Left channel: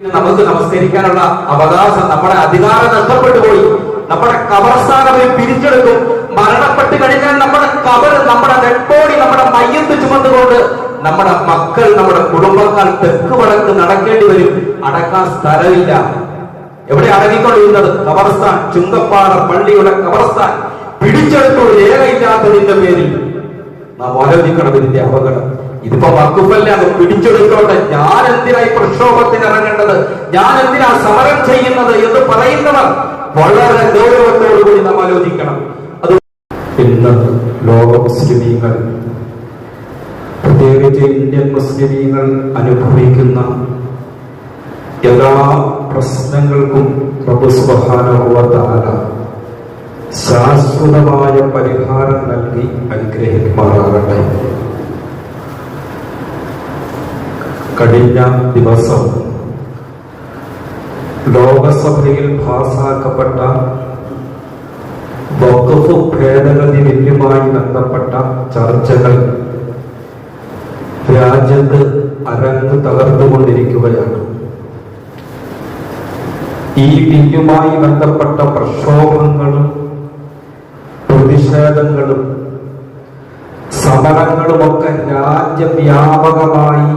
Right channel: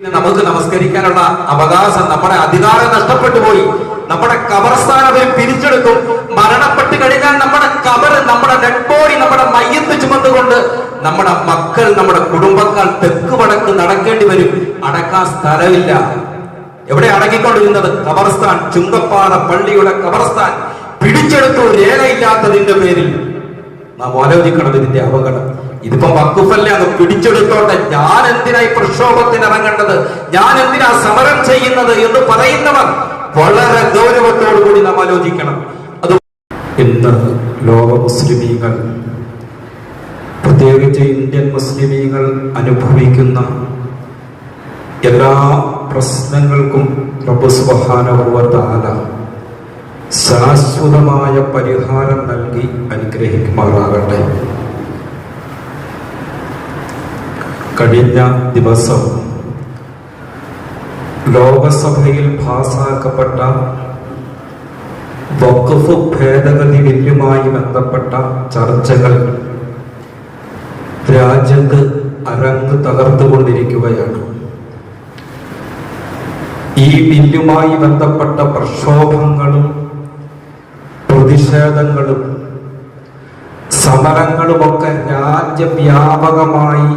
നമുക്ക് നമസ്കരിക്കാനുള്ള അവകാശം, നമ്മുടെ അധികാരം നഷ്ടപ്പെട്ടു പോയി. നമ്മുടെ ഖബർസ്ഥാനത്തിൽ പിരിച്ചെടുക്കും. മരണപ്പെട്ട് കഴിഞ്ഞാൽ നമ്മുടെ ഖബർ, നമ്മുടെ ഡെഡ് ബോഡി, നമ്മുടെ മയ്യത്ത് ചുമന്നുകൊണ്ട് നമ്മുടെ മക്കൾ, നമ്മുടെ കുടുംബക്കാർ തെക്ക് വടക്ക് നടക്കേണ്ടി വരും. അടക്കാൻ സ്ഥലമില്ല. എവിടെ അടങ്ങിക്കൊണ്ടിരുന്നത്? ഖബർസ്ഥാൻ. ചുങ്കപ്പാറ പള്ളിയുടെ ഖബർസ്ഥാൻ പിടിച്ചെടുത്തു, രേഖയില്ലാത്തതിന്റെ പേരിൽ. നാം ആലോചിക്കണം ഇതിന്റെ അപകടം. ഇതിപ്പോ വഖഫല്ല, അത് പിടിച്ചെടുത്തോട്ടെ. ഞാൻ എന്തിനായി പ്രക്ഷോഭത്തിന് ഇറങ്ങേണ്ടത്, ഞാൻ എന്തിനാ സമരം ചെയ്യുന്നത് എന്ന് പറയുന്നവർ വളരെ ഗൗരവത്തോടുകൂടി നാം ആലോചിക്കണം. അത് ഇന്ന് ലോക മുസ്ലിമീങ്ങൾ, പ്രത്യേകിച്ച് ഇന്ത്യൻ മുസ്ലിമീങ്ങൾ അനുഭവിക്കുന്ന എല്ലാ പ്രശ്നങ്ങൾക്കും റബ്ബ് സുബ്ഹാനഹു വ തആല ശാശ്വതമായ പരിഹാരം നൽകി അനുഗ്രഹിക്കുമാറാകട്ടെ. കഴിഞ്ഞ ദിവസം ലോകസഭയിൽ പാസാക്കപ്പെട്ട വഖഫ് ഭേദഗതി ബില്ലുമായി ബന്ധപ്പെട്ട ചർച്ചകൾ രാജ്യത്ത് അരങ്ങ് തകർത്തുകൊണ്ടിരിക്കുകയാണ്. ഈ ബില്ലുമായി ബന്ധപ്പെട്ട പ്രക്ഷോഭങ്ങളും പ്രതിഷേധങ്ങളും സമരങ്ങളുമൊക്കെ രാജ്യവ്യാപകമായി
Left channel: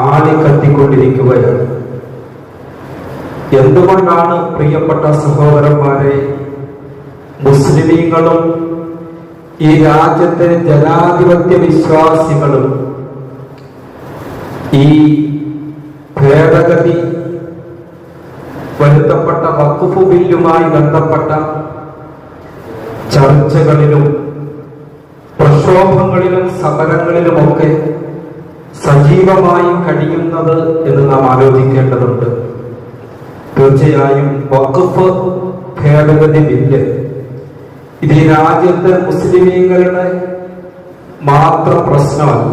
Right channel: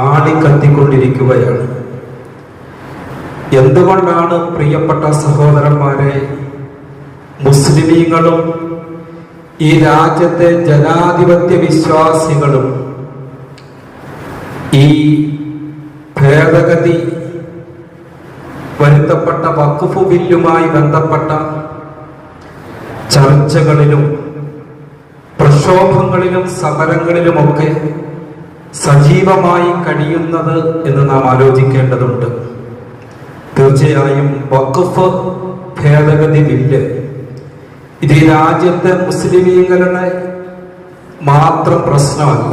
ആളിക്കത്തിക്കൊണ്ടിരിക്കുകയാണ്. എന്തുകൊണ്ടാണ് പ്രിയപ്പെട്ട സഹോദരന്മാരെ, മുസ്ലിമീങ്ങളും ഈ രാജ്യത്തെ ജനാധിപത്യ വിശ്വാസികളും ഈ ഭേദഗതി വരുത്തപ്പെട്ട വഖഫ് ബില്ലുമായി ബന്ധപ്പെട്ട ചർച്ചകളിലും പ്രക്ഷോഭങ്ങളിലും സമരങ്ങളിലുമൊക്കെ സജീവമായി കഴിയുന്നത് എന്ന് നാം ആലോചിക്കേണ്ടതുണ്ട്. തീർച്ചയായും വഖഫ് ഭേദഗതി ബില്ല് ഇത് രാജ്യത്തെ മുസ്ലിമീങ്ങളുടെ മാത്രം പ്രശ്നമല്ല.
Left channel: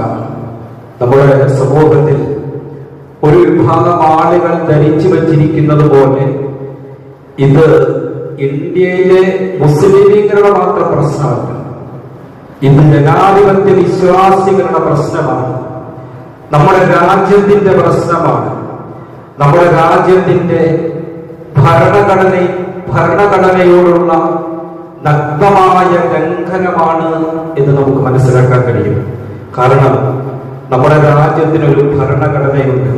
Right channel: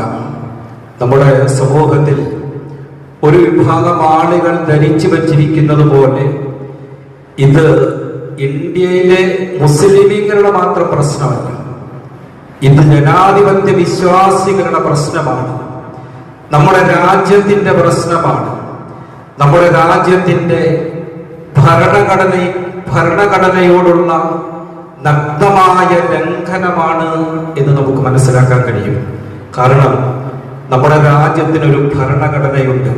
നമ്മുടെ സമൂഹത്തിൽ ഒരു വിഭാഗം ആളുകൾ ധരിച്ചു വച്ചിരിക്കുന്നത് പോലെ ഇത് ഇന്ത്യയിലെ മുസ്ലിമീങ്ങളുടെ മാത്രം പ്രശ്നമല്ല. ഇത് ജനാധിപത്യ വിശ്വാസികളുടെ പ്രശ്നമാണ്. നമ്മുടെ രാജ്യത്തിന്റെ പ്രശ്നമാണ്. നമ്മുടെ രാജ്യത്തിന്റെ ഭരണഘടനയോടുള്ള നഗ്നമായ ലംഘനമാണ് എന്ന് നമുക്ക് മനസ്സിലാക്കാൻ കഴിയും. കാരണം നമ്മുടെ രാജ്യത്തിനൊരു ഭരണഘടനയുണ്ട്.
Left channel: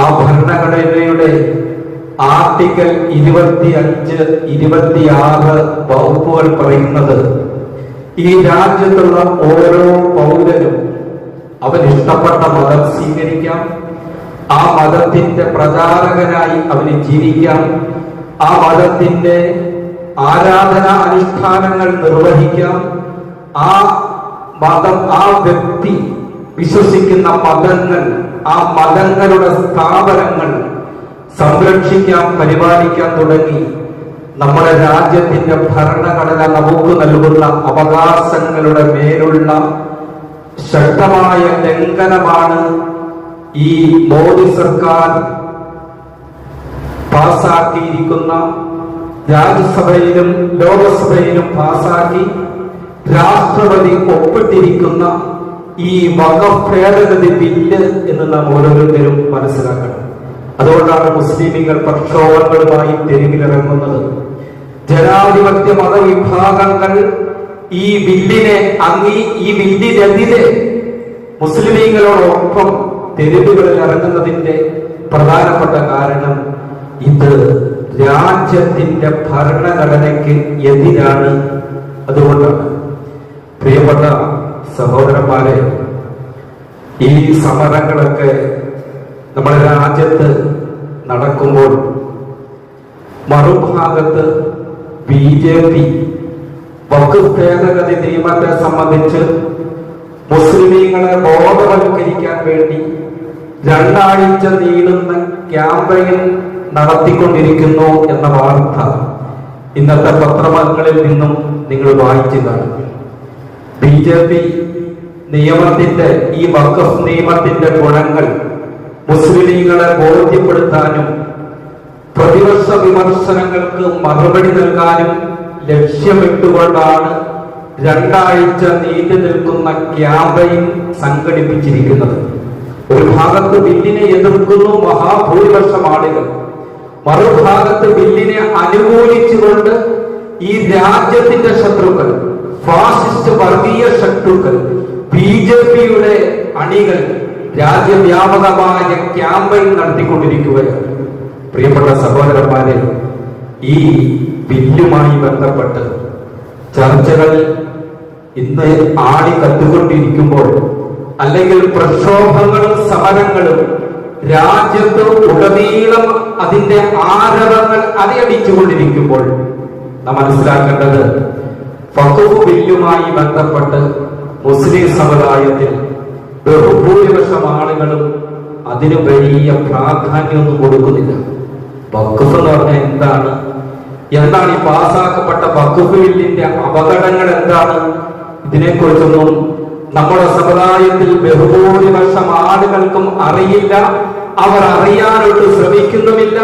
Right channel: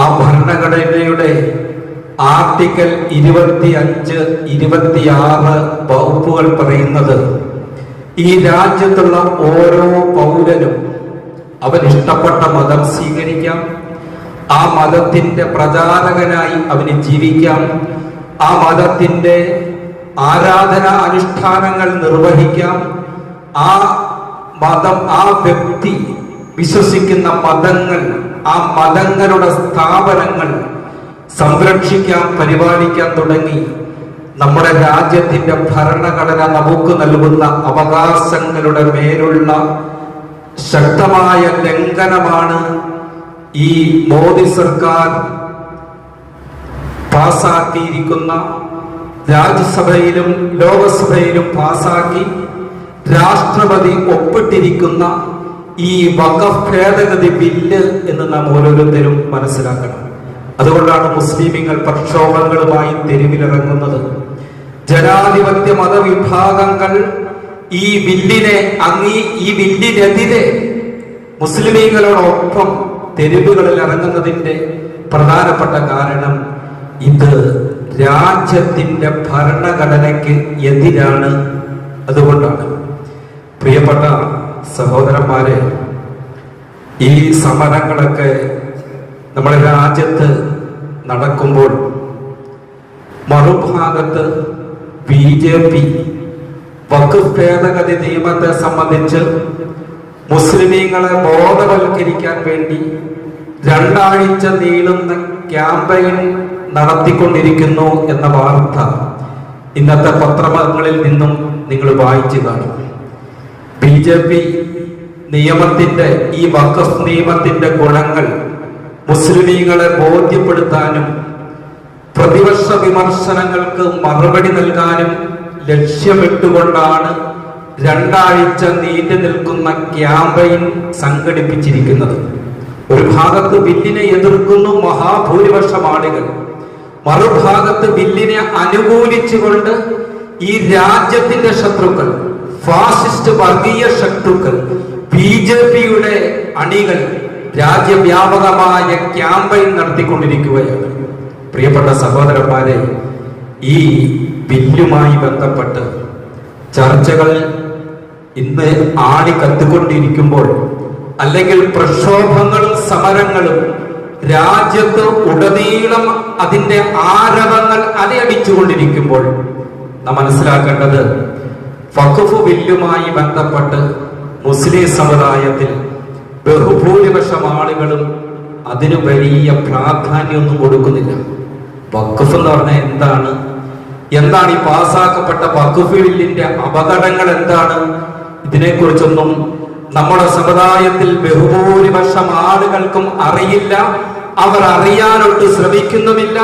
ആ ഭരണഘടനയുടെ ആർട്ടിക്കിൾ 25, 26 വകുപ്പുകൾ പറയുന്നത് ഈ രാജ്യത്തുള്ള ഓരോ പൗരനും അവൻ ഇഷ്ടപ്പെട്ട മതം സ്വീകരിക്കാം, ആ മതത്തിന്റെ പ്രചാരകനായി അവന് ജീവിക്കാം, ആ മതത്തിന്റെ ആരാധനാ അനുഷ്ഠാനങ്ങൾ നിർവഹിക്കാം, ആ മതം, ആ വ്യക്തി വിശ്വസിക്കുന്ന മതങ്ങൾ, ആ മതങ്ങളുടെ സ്ഥാപനങ്ങൾ സംരക്ഷിക്കാൻ, പരിപാലിക്കാൻ തുടങ്ങി നമ്മുടെ രാജ്യത്തിന്റെ ഭരണഘടന നമുക്ക് നൽകുന്ന അവകാശങ്ങളുടെ മേലുള്ള ശക്തമായ ലംഘനമാണ് ഈ മോദി സർക്കാർ പാസാക്കിയിരിക്കുന്ന, രാജ്യസഭയിലും ലോകസഭയിലും പാസാക്കി രാഷ്ട്രപതി ഒപ്പിട്ടിരിക്കുന്ന ഈ വഖഫ് ഭേദഗതി ബില്ല് എന്ന് നാം ഓരോരുത്തരും മനസ്സിലാക്കണം. അതുകൊണ്ടാണ് മുസ്ലിമീങ്ങൾ പ്രക്ഷോഭങ്ങളുമായി തെരുവിലിറങ്ങുന്നത്. ജനാധിപത്യ മതവിഭാഗങ്ങൾ ഈ ബില്ലിനെതിരെ മുസ്ലിമീങ്ങളോടൊപ്പം തെരുവുകളിൽ ഇറങ്ങുന്നതിന്റെ പ്രധാനപ്പെട്ട കാരണം ഇത് രാജ്യത്തിന്റെ ഭരണഘടനയ്ക്ക് എതിരാണ്. അതുകൊണ്ടാണ് പ്രിയപ്പെട്ട സഹോദരന്മാരെ, ഈ സമരങ്ങളൊക്കെ നമ്മുടെ രാജ്യത്ത് നടക്കുമ്പോൾ മറുഭാഗത്ത് BJP വഖഫ് ഭേദഗതി നിയമത്തെ സംബന്ധിച്ച് മുസ്ലിമീങ്ങളെ ബോധവൽക്കരിക്കാൻ വേണ്ടി 2 ആഴ്ച നീളുന്ന ക്യാമ്പയിൻ നടത്തിക്കൊണ്ടിരിക്കുന്നു എന്ന വാർത്ത ഇന്നത്തെ പത്രങ്ങളിൽ നിന്നും നിങ്ങൾ വായിച്ചു കാണും. BJP നിയമത്തിന്റെ, ഈ വഖഫ് നിയമത്തിന്റെ ഗുണങ്ങൾ മുസ്ലിമീങ്ങളെ ബോധ്യപ്പെടുത്താനും പ്രതിപക്ഷ വിമർശനങ്ങൾക്ക് മറുപടി നൽകാനും ലക്ഷ്യമിട്ടുകൊണ്ടാണ് 2 ആഴ്ച നീണ്ടു നിൽക്കുന്ന ക്യാമ്പയിൻ സംഘടിപ്പിച്ചിരിക്കുന്നത്. ഒരു ഭാഗത്ത് ബില്ലിനെ എതിർക്കുന്നു മഹാഭൂരിപക്ഷം ആളുകൾ, മറുഭാഗത്ത് ബില്ലിനെ അനുകൂലിച്ചുകൊണ്ട് ഈ രാജ്യത്തിന്റെ ശത്രുക്കൾ, ഫാസിസ്റ്റ് വർഗീയ ശത്രുക്കൾ, BJP-യുടെ അണികൾ രാജ്യവ്യാപകമായ ക്യാമ്പയിൻ നടത്തിക്കൊണ്ടിരിക്കുകയാണ്. പ്രിയപ്പെട്ട സഹോദരന്മാരെ, ഈ ബില്ലുമായി ബന്ധപ്പെട്ട് ചർച്ചകൾ ഇന്ന് ആടിക്കത്തുകൊണ്ടിരിക്കുമ്പോൾ, അല്ലെങ്കിൽ പ്രക്ഷോഭങ്ങളും സമരങ്ങളും രാജ്യത്ത് ഉടനീളം അതിന്റെ ആരവങ്ങൾ അലയടിച്ചുകൊണ്ടിരിക്കുമ്പോൾ നാം മനസ്സിലാക്കേണ്ടത്, വഖഫ് ബില്ലുമായി ബന്ധപ്പെട്ട് മുസ്ലിം സമുദായത്തിൽ ബഹുഭൂരിപക്ഷം ആളുകളും അതിന് വലിയ പ്രാധാന്യമൊന്നും കൊടുക്കുന്നില്ല. വഖഫ് എന്ന് പറഞ്ഞാൽ എന്താണ് ഈ പാസ്സാക്കപ്പെട്ട വഖഫ് ബില്ലിന്റെ അപകടങ്ങൾ എന്താണ്? ഇതിനെക്കുറിച്ചൊന്നും നമ്മുടെ സമുദായത്തിൽ ബഹുഭൂരിപക്ഷം ആളുകൾക്കും അറിയില്ല. അവർ അറിയാനൊട്ട് ശ്രമിക്കുന്നുമില്ല.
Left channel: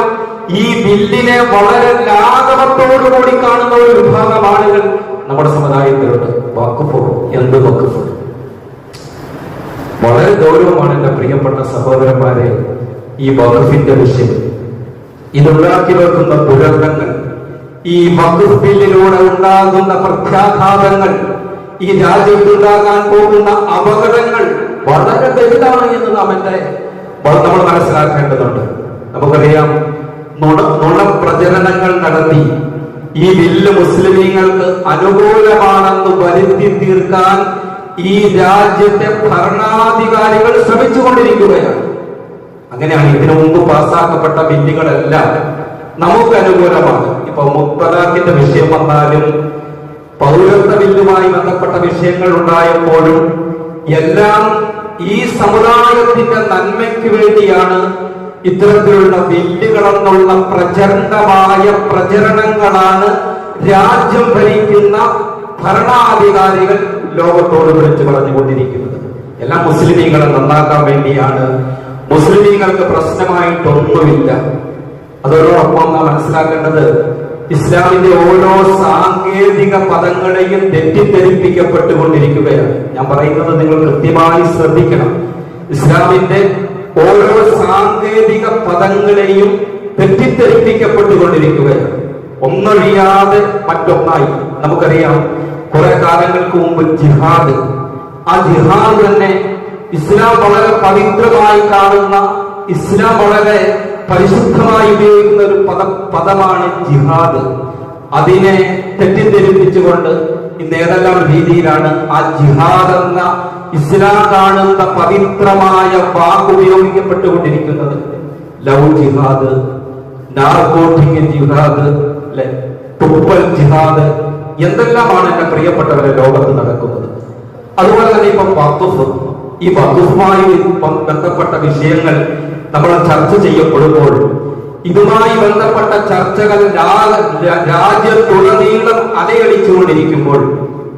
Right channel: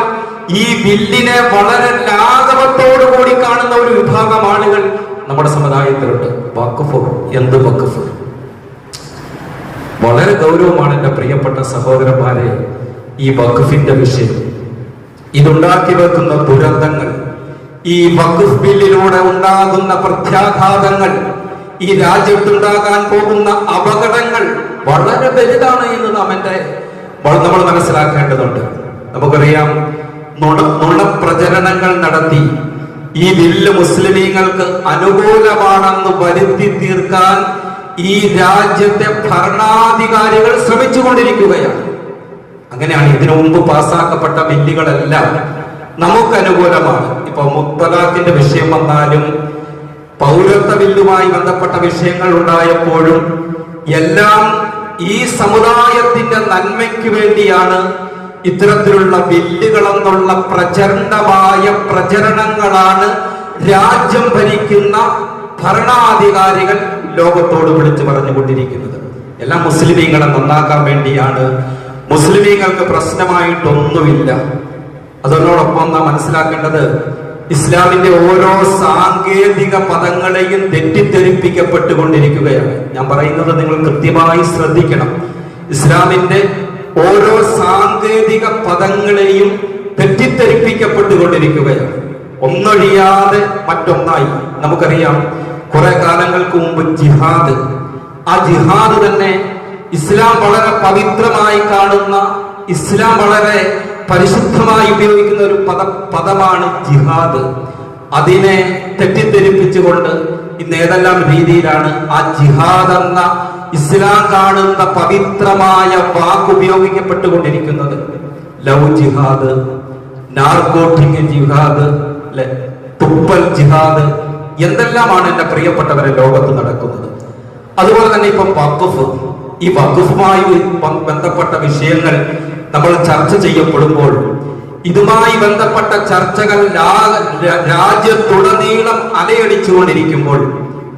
ഈ ബില്ലിനെ വളരെ ലാഘവത്തോടുകൂടി കാണുന്ന ഒരു വിഭാഗം ആളുകൾ നമ്മുടെ സമുദായത്തിലുണ്ട്. വഖഫ്, എന്ത് വഖഫ്? വളരെ ഗൗരവമാണ് എന്റെ പ്രിയപ്പെട്ട സഹോദരന്മാരെ ഈ വഖഫിന്റെ വിഷയം. ഇതുണ്ടാക്കി വെക്കുന്ന ദുരന്തങ്ങൾ, ഈ വഖഫ് ബില്ലിലൂടെ ഉണ്ടാകുന്ന പ്രത്യാഘാതങ്ങൾ, ഈ രാജ്യത്തുണ്ടാകാൻ പോകുന്ന അപകടങ്ങൾ വളരെ വലുതാണ് എന്ന് നമ്മൾ മനസ്സിലാക്കേണ്ടതുണ്ട്. നമുക്കറിയാം, നുണപ്രചരണങ്ങൾ നടത്തി ഈ ബില്ല് മുസ്ലിമീങ്ങൾക്ക് അനുകൂലമാണെന്ന് വരുത്തി തീർക്കാൻ ഈ രാജ്യത്തെ ഭരണാധികാരികൾ ശ്രമിച്ചുകൊണ്ടിരിക്കുകയാണ്. അങ്ങനെയാണ് ഇതിനു മുമ്പ് പാസ്സാക്കപ്പെട്ട ബില്ലുകളെല്ലാം നമുക്ക് അനുകൂലമാണ്. ഇപ്പൊ മുത്തലാഖിന്റെ വിഷയം വന്നാലും, പൗരത്വ ബില്ലുമായി ബന്ധപ്പെട്ട വിഷയങ്ങൾ ഉണ്ടായപ്പോഴും എല്ലാം ഈ സമുദായത്തിന്റെ നന്മയ്ക്ക് വേണ്ടിയാണ് ഇത്തരത്തിലുള്ള ബില്ലുകളെന്നുള്ള പ്രചണ്ഡമായ പ്രചരണങ്ങളാണ് രാജ്യം ഭരിക്കുന്ന ഭരണാധികാരികൾ ലോകത്തോട് വിളിച്ചു പറഞ്ഞുകൊണ്ടിരിക്കുന്നത്. എല്ലാം മുസ്ലിമീങ്ങളെ നന്നാക്കാൻ വേണ്ടിയാണ്. മുസ്ലിമീങ്ങൾക്ക് പ്രശ്നമായിട്ടൊന്നുമില്ല. അതോടൊപ്പം നാം മനസ്സിലാക്കേണ്ടത്, ഇസ്ലാമിന്റെ ഓരോ സാങ്കേതിക പദങ്ങളെയും തെറ്റിദ്ധരിപ്പിക്കപ്പെട്ടുകൊണ്ടിരിക്കുകയാണ്. ഞാൻ പറയുന്നത് നിങ്ങൾ കൃത്യമായി ശ്രദ്ധിക്കണം. ഇസ്ലാമിന്റെ ഓരോ സാങ്കേതിക പദങ്ങളെയും തെറ്റിദ്ധരിപ്പിക്കപ്പെട്ടുകൊണ്ടിരിക്കുകയാണ്. ഒന്നൊഴിയാതെ മറ്റൊന്നായി. നമുക്കറിയാം, കുറെ കാലങ്ങൾക്ക് മുമ്പ് ജിഹാദ്, ആ ജിഹാദ് തന്നെ ഇസ്ലാം വളരെ പവിത്രമായി കാണുന്ന, ഇസ്ലാം വളരെ പരിശുദ്ധമായി ഉപയോഗിക്കുന്ന ഒരു പദമാണ് ജിഹാദ്. അതിനെ തെറ്റിദ്ധരിപ്പിച്ചുകൊണ്ട് ഇന്ന് ഏതെല്ലാം രീതിയിലാണ് ആ ജിഹാദ് എന്ന ഇസ്ലാം കാണുന്ന പവിത്രമായ വാക്ക് ഉപയോഗിക്കപ്പെട്ടുകൊണ്ടിരിക്കുന്നത്. ലവ് ജിഹാദ്, നാർക്കോട്ടിക് ജിഹാദ്, തുപ്പൽ ജിഹാദ്, എന്തെല്ലാമാണ് എന്റെ പ്രിയപ്പെട്ടവരെ ലോകത്ത് നടക്കുന്നത്. അതുപോലെ തന്നെ ഇപ്പൊ വഖഫ്, ഈ വഖഫുമായി ബന്ധപ്പെട്ട വിഷയങ്ങൾ നമ്മൾ ചർച്ച ചെയ്യപ്പെടുമ്പോൾ, ഇതുമായി ബന്ധപ്പെട്ട ചർച്ചകൾ രാജ്യത്തുടനീളം അലയടിച്ചുകൊണ്ടിരിക്കുമ്പോൾ,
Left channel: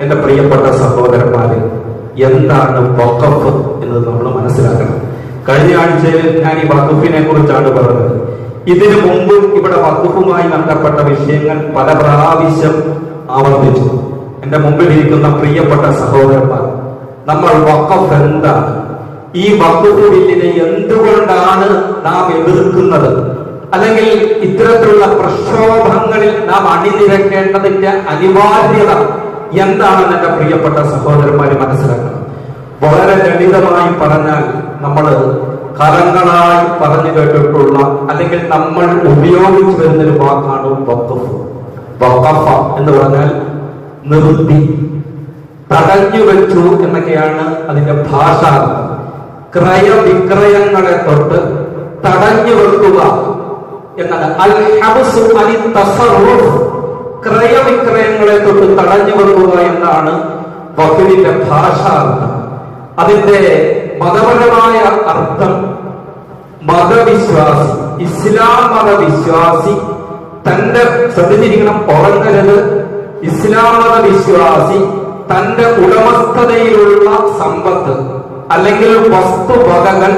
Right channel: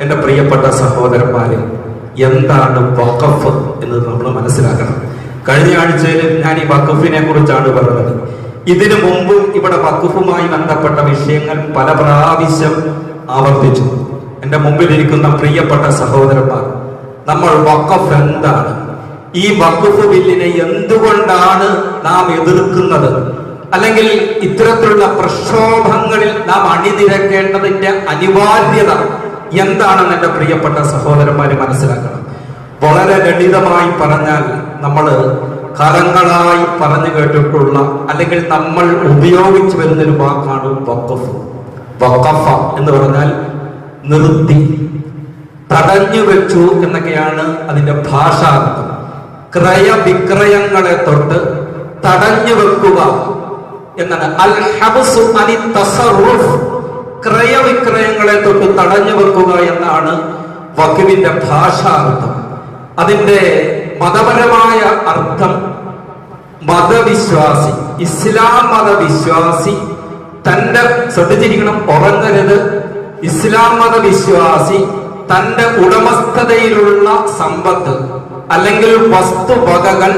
എന്റെ പ്രിയപ്പെട്ട സഹോദരന്മാരെ, എന്താണ് വഖഫ് എന്ന് നമ്മൾ മനസ്സിലാക്കണം. കഴിഞ്ഞ ആഴ്ചയിൽ ഞാൻ ഈ വഖഫിനെ കുറിച്ചാണ് പറഞ്ഞത്. ഇതിനു മുമ്പും ഇവിടെ വഖഫുമായി ബന്ധപ്പെട്ട വിഷയങ്ങൾ പല പ്രാവശ്യം ആവർത്തിച്ചു. എന്റെ മുമ്പിൽ ഇരിക്കുന്ന പ്രിയപ്പെട്ട സഹോദരന്മാർ, നമ്മൾ വഖഫ് എന്താണ്, ഈ വഖഫ് ബില്ലിനെ എന്തുകൊണ്ടാണ് നാം എതിർക്കുന്നത്, അല്ലെങ്കിൽ ഇത്തരത്തിലുള്ള പ്രക്ഷോഭങ്ങളിൽ നാം അണിനിരക്കേണ്ടതിന്റെ അനിവാര്യത എന്താണെന്ന് എന്റെ പ്രിയപ്പെട്ട സഹോദരന്മാര് മനസ്സിലാക്കണം. വളരെ ലളിതമായി പറഞ്ഞാൽ, നമ്മൾ കാലങ്ങളായി പറഞ്ഞു കേട്ടിട്ടുള്ള, അല്ലെങ്കിൽ നമ്മൾ ഉപയോഗിച്ചു വരുന്നൊരു വാക്കാണ് വഖഫ്. വഖഫ എന്ന് പറഞ്ഞാൽ നിർത്തി, തടഞ്ഞു വെച്ചു എന്നൊക്കെയാണ് അതിന്റെ ഭാഷാർത്ഥം. ക്രയവിക്രയങ്ങളെ തൊട്ട് തടഞ്ഞു വെക്കുക എന്നാണ്. അൽ ഹബ്സു അനി തസറുഫ്, ക്രയവിക്രയങ്ങളെ തൊട്ട് തടഞ്ഞു വെക്കുക എന്നാണ് വഖഫിന്റെ ഭാഷാർത്ഥം. അതിന്റെ മതപരമായ അർത്ഥം, മതവിശ്വാസി, ഇസ്ലാം മതവിശ്വാസി തന്റെ, ശ്രദ്ധിച്ചിരിക്കണം, ഉറങ്ങരുത്, ഇസ്ലാം മതവിശ്വാസി തന്റെ ഉടമസ്ഥതയിലുള്ള സമ്പത്ത് അല്ലെങ്കിൽ വസ്തുവകകൾ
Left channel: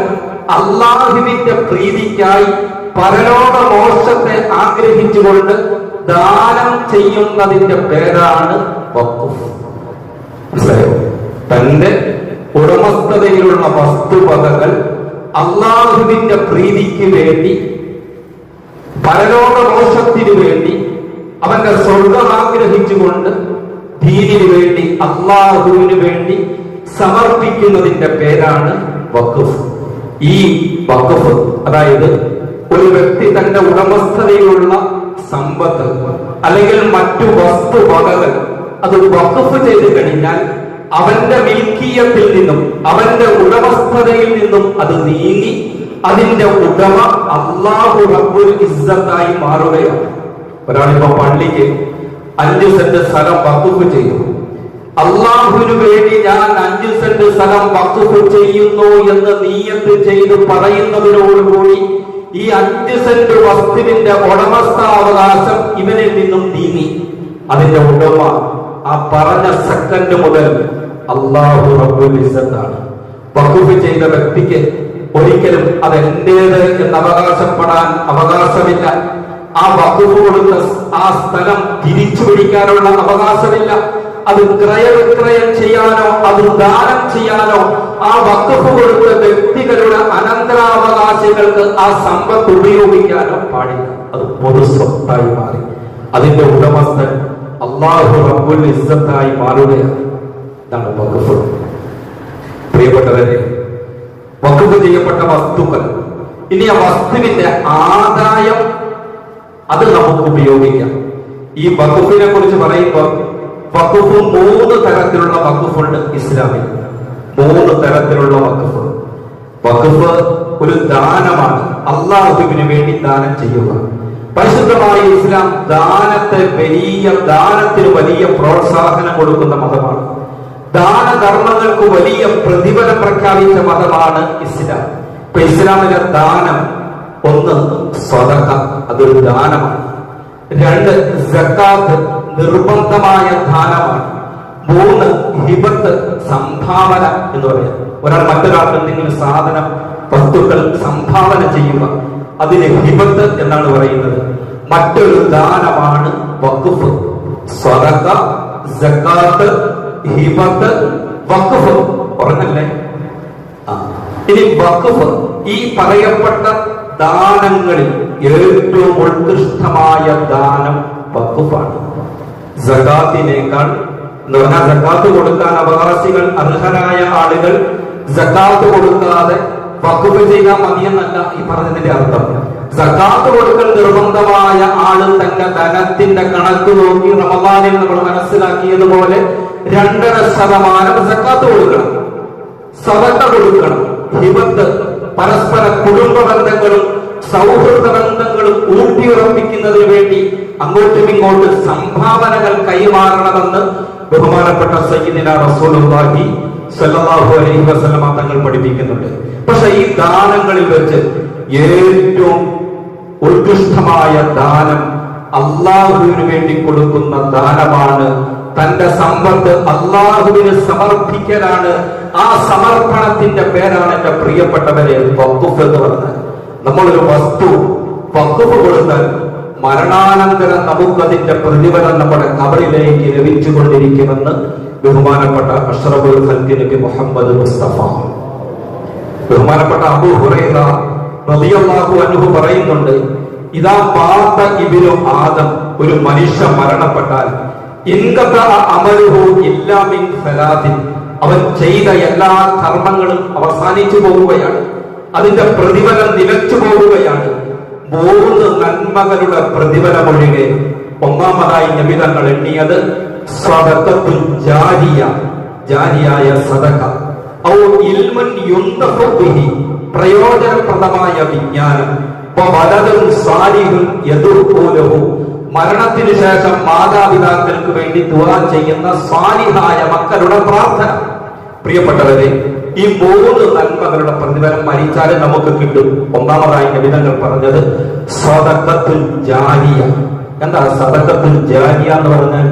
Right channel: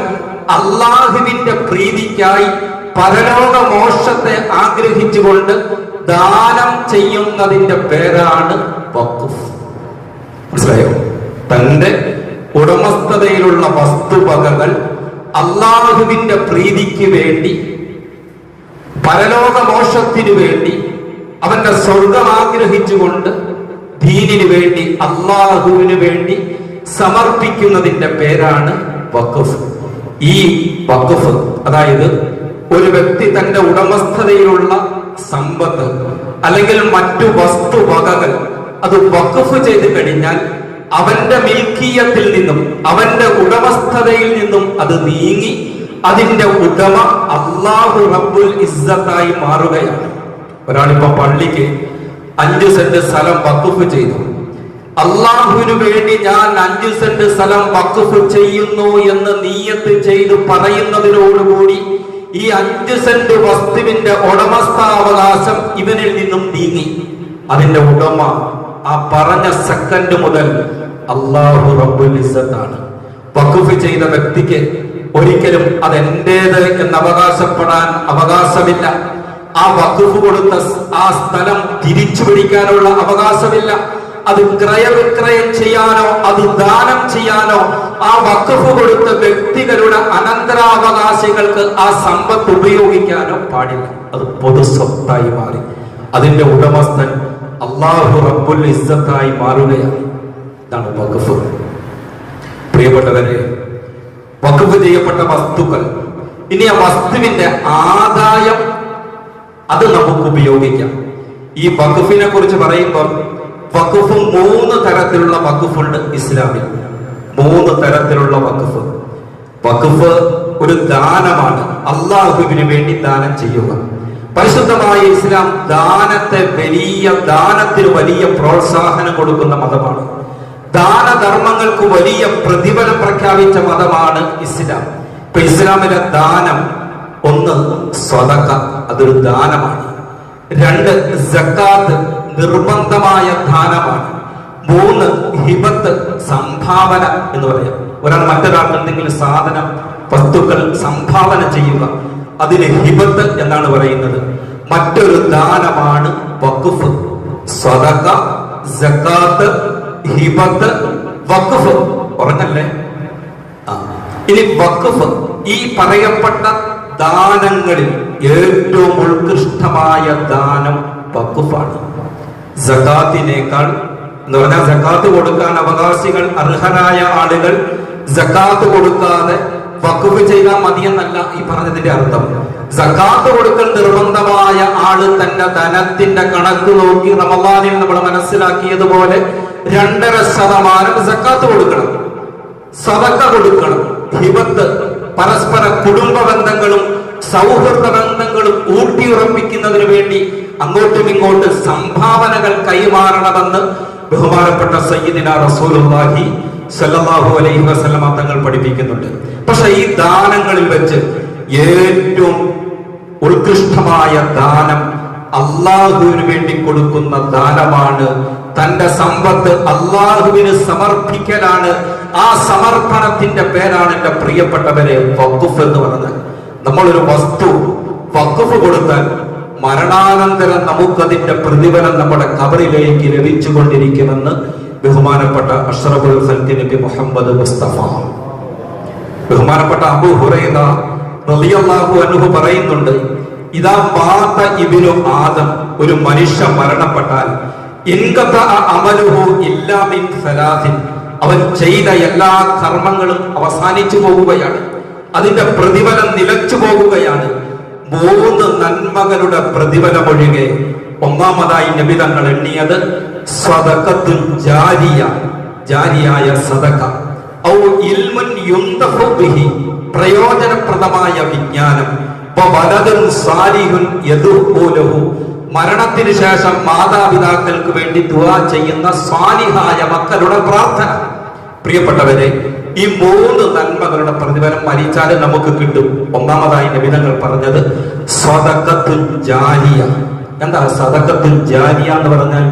അല്ലാഹുവിന്റെ പ്രീതിക്കായി പരലോക മോക്ഷത്തെ ആഗ്രഹിച്ചുകൊണ്ട് ദാനം ചെയ്യുന്നതിന്റെ പേരാണ് വഖഫ്. മനസ്സിലായോ? തന്റെ ഉടമസ്ഥതയിലുള്ള വസ്തുവകകൾ അള്ളാഹുവിന്റെ പ്രീതിക്ക് വേണ്ടി, പരലോകമോക്ഷത്തിനു വേണ്ടി, അവന്റെ സ്വർഗം ആഗ്രഹിച്ചുകൊണ്ട് ദീനിനു വേണ്ടി, അള്ളാഹുവിന് വേണ്ടി സമർപ്പിക്കുന്നതിന്റെ പേരാണ് വഖഫ്. ഈ വഖഫ് അതായത് ഒരു വ്യക്തി തന്റെ ഉടമസ്ഥതയിലുള്ള സമ്പത്ത് അല്ലെങ്കിൽ മറ്റു വസ്തുവകകൾ അത് വഖഫ് ചെയ്ത് കഴിഞ്ഞാൽ അവന്റെ മിൽക്കിയത്തിൽ നിന്നും, അവന്റെ ഉടമസ്ഥതയിൽ നിന്നും അത് നീങ്ങി അതിന്റെ ഉടമ അല്ലാഹു റബ്ബുൽ ഇസ്സത്തായി മാറുകയാണ്. ഒരാളിപ്പോ പള്ളിക്ക് 5 സെന്റ് സ്ഥലം വഖഫ് ചെയ്തു. അള്ളാഹുവിന് വേണ്ടി ഞാൻ 5 സെന്റ് സ്ഥലം വഖഫ് ചെയ്യുന്നു എന്ന് നിയ്യത്ത് ചെയ്തു പറയുന്നതിനോടുകൂടി ഈ 5 സെന്റ് വസ്തുവിന്റെ ഉടമസ്ഥാവകാശം ഇവനിൽ നിന്നും നീങ്ങി. അതിന്റെ ഉടമ ആ പറഞ്ഞ സെക്കൻഡ് മുതൽ അല്ലാഹു റബ്ബുൽ ഇസ്സത്താണ്. വഖഫ് ചെയ്ത വ്യക്തിക്ക് ഒരിക്കലും അത് എന്റേത് എന്ന് അവകാശപ്പെടാൻ അവകാശമില്ല. ആ വഖഫ് കൊടുത്ത ആ സ്ഥലം തിരിച്ചു പിടിക്കാനുള്ള അവകാശമില്ല. അത് ക്രയവിക്രയം ചെയ്യാനോ അത് ദാനം ചെയ്യാനോ ആ വഖഫ് കൊടുത്ത വ്യക്തികളുടെ അനന്തരാവകാശികൾക്ക് ആ സമ്പത്ത് ഉപയോഗിക്കാനോ പാടില്ല. അത് പൊതു സ്വത്തായി മാറി. അതിന്റെ ഉടമസ്ഥൻ അല്ലാഹു റബ്ബുൽ ഇസ്സത്തായി മാറുകയാണ്. ഇതാണ് വഖഫ്. പ്രിയപ്പെട്ടവരെ, വഖഫ് ചെയ്യപ്പെട്ട വസ്തുക്കൾ, ഇനി ആ വസ്തുവിന്റെ ആദായം അത് നമുക്ക് ഉപയോഗിക്കാം. ഈ വഖഫിനെ കുറിച്ച് പറയുമ്പോൾ വഖഫ് 3 തരത്തിലുള്ള വഖഫുണ്ട് ഇസ്ലാമിൽ. 3 തരത്തിലുള്ള വഖഫ്. വഖഫ് ഒരു ദാനമാണ്, അള്ളാഹുവിന് വേണ്ടി ദാനം ചെയ്യുക. പരിശുദ്ധമായ ഇസ്ലാം ദാനത്തിന് വലിയ പ്രോത്സാഹനം കൊടുക്കുന്ന മതമാണ്. ദാനധർമ്മങ്ങൾക്ക് വലിയ പ്രതിഫലം പ്രഖ്യാപിച്ച മതമാണ് ഇസ്ലാം. ഇപ്പൊ ഇസ്ലാമിലെ ദാനം, 1 സ്വതക്ക, അതൊരു ദാനമാണ്. 2 സക്കാത്ത്, നിർബന്ധമായ ദാനമാണ്. 3 ഹിബത്ത്, സംഭാവന എന്ന് പറയാം. ഒരാൾ മറ്റൊരാൾക്ക് എന്തെങ്കിലും സാധനം, വസ്തുക്കൾ സംഭാവന ചെയ്യുക, അതിന് ഹിബത്ത് എന്നാണ് പറയുന്നത്. മറ്റൊരു ദാനമാണ് വഖഫ്. സ്വതക്ക, സക്കാത്ത്, ഹിബത്ത്, വഖഫ്. പറഞ്ഞല്ലേ? ഇനി വഖഫ്, ഈ പറയപ്പെട്ട ദാനങ്ങളിൽ ഏറ്റവും ഉത്കൃഷ്ടമായ ദാനം വഖഫാണ്. സകാത്തിനേക്കാൾ എന്ന് പറഞ്ഞാൽ സകാത്ത് കൊടുക്കാൻ അവകാശികൾ, അർഹരായ ആളുകൾ സകാത്ത് കൊടുക്കാതെ വഖഫ് ചെയ്യാൻ മതിയെന്നല്ല ഈ പറഞ്ഞതിന്റെ അർത്ഥം. സകാത്ത് കൊടുക്കൽ നിർബന്ധമായ ആള് തന്റെ ധനത്തിന്റെ കണക്ക് നോക്കി റമദാനിൽ നമ്മൾ മനസ്സിലാക്കിയതുപോലെ 2.5% സകാത്ത് കൊടുക്കണം, സദഖ കൊടുക്കണം. ഹിബത്ത്, പരസ്പര കുടുംബ ബന്ധങ്ങളും സൗഹൃദ ബന്ധങ്ങളും ഊട്ടിയുറപ്പിക്കുന്നതിന് വേണ്ടി അങ്ങോട്ടും ഇങ്ങോട്ടും സംഭാവനകൾ കൈമാറണമെന്ന് ബഹുമാനപ്പെട്ട സയ്യിദിനാ റസൂലുള്ളാഹി സ്വല്ലല്ലാഹു അലൈഹി വസല്ലമ തങ്ങൾ പഠിപ്പിക്കുന്നുണ്ട്. പക്ഷെ ഈ ദാനങ്ങളിൽ വെച്ച് ഏറ്റവും ഉത്കൃഷ്ടമായ ദാനം അള്ളാഹുവിന് വേണ്ടി കൊടുക്കുന്ന ദാനമാണ്. തന്റെ സമ്പത്ത് അള്ളാഹുവിന് സമർപ്പിക്കലാണ്. ആ സമർപ്പണത്തിന്റെ പേരാണ് എന്റെ പ്രിയപ്പെട്ടവരെ വഖഫ് എന്ന് പറഞ്ഞത്. നമ്മളൊരു വസ്തു വഖഫ് കൊടുത്താൽ മരണാനന്തരം നമുക്കതിന്റെ പ്രതിഫലം നമ്മുടെ ഖബറിലേക്ക് ലഭിച്ചുകൊണ്ടിരിക്കുമെന്ന് ബഹുമാനപ്പെട്ട അഷ്റഫുൽ ഖൽഖ് നബി മുഹമ്മദ് മുസ്തഫ, ബഹുമാനപ്പെട്ട അബൂ ഹുറൈറ റളിയല്ലാഹു അൻഹു പറയുന്നുണ്ട്, ഇദാ മാത ഇബ്നു ആദം, ഒരു മനുഷ്യൻ മരണപ്പെട്ടാൽ ഇൻഖത അമലുഹു ഇല്ലാ മിൻ സലാസിൻ, അവൻ ചെയ്ത എല്ലാ കർമ്മങ്ങളും അവസാനിച്ചു പോവുകയാണ്, അതിന്റെ പ്രതിഫലം നിലച്ചു പോവുകയാണ്. 3 നന്മകളുടെ പ്രതിഫലമൊഴികെ ഒന്നാമതായി നബി തങ്ങൾ എണ്ണിയത് സദഖത്തുൽ ജാരിയ, ജാരിയായ സദഖ, ഔ ഇൽമുൻ യുന്തഫു ബിഹി, പ്രയോജനപ്രദമായ വിജ്ഞാനം, വലദുൻ സാലിഹുൻ യദുഉ ലഹു, മരണത്തിന് ശേഷം മാതാപിതാക്കൾക്ക് വേണ്ടി ദുആ ചെയ്യുന്ന സ്വാലിഹായ മക്കളുടെ പ്രാർത്ഥന. പ്രിയപ്പെട്ടവരെ, ഈ 3 നന്മകളുടെ പ്രതിഫലം മരിച്ചാലും നമുക്ക് കിട്ടും. ഒന്നാമതായി നബി തങ്ങൾ പറഞ്ഞത് സദഖത്തുൽ ജാരിയ. എന്താ സദഖത്തുൽ ജാരിയ എന്ന് പറഞ്ഞാൽ?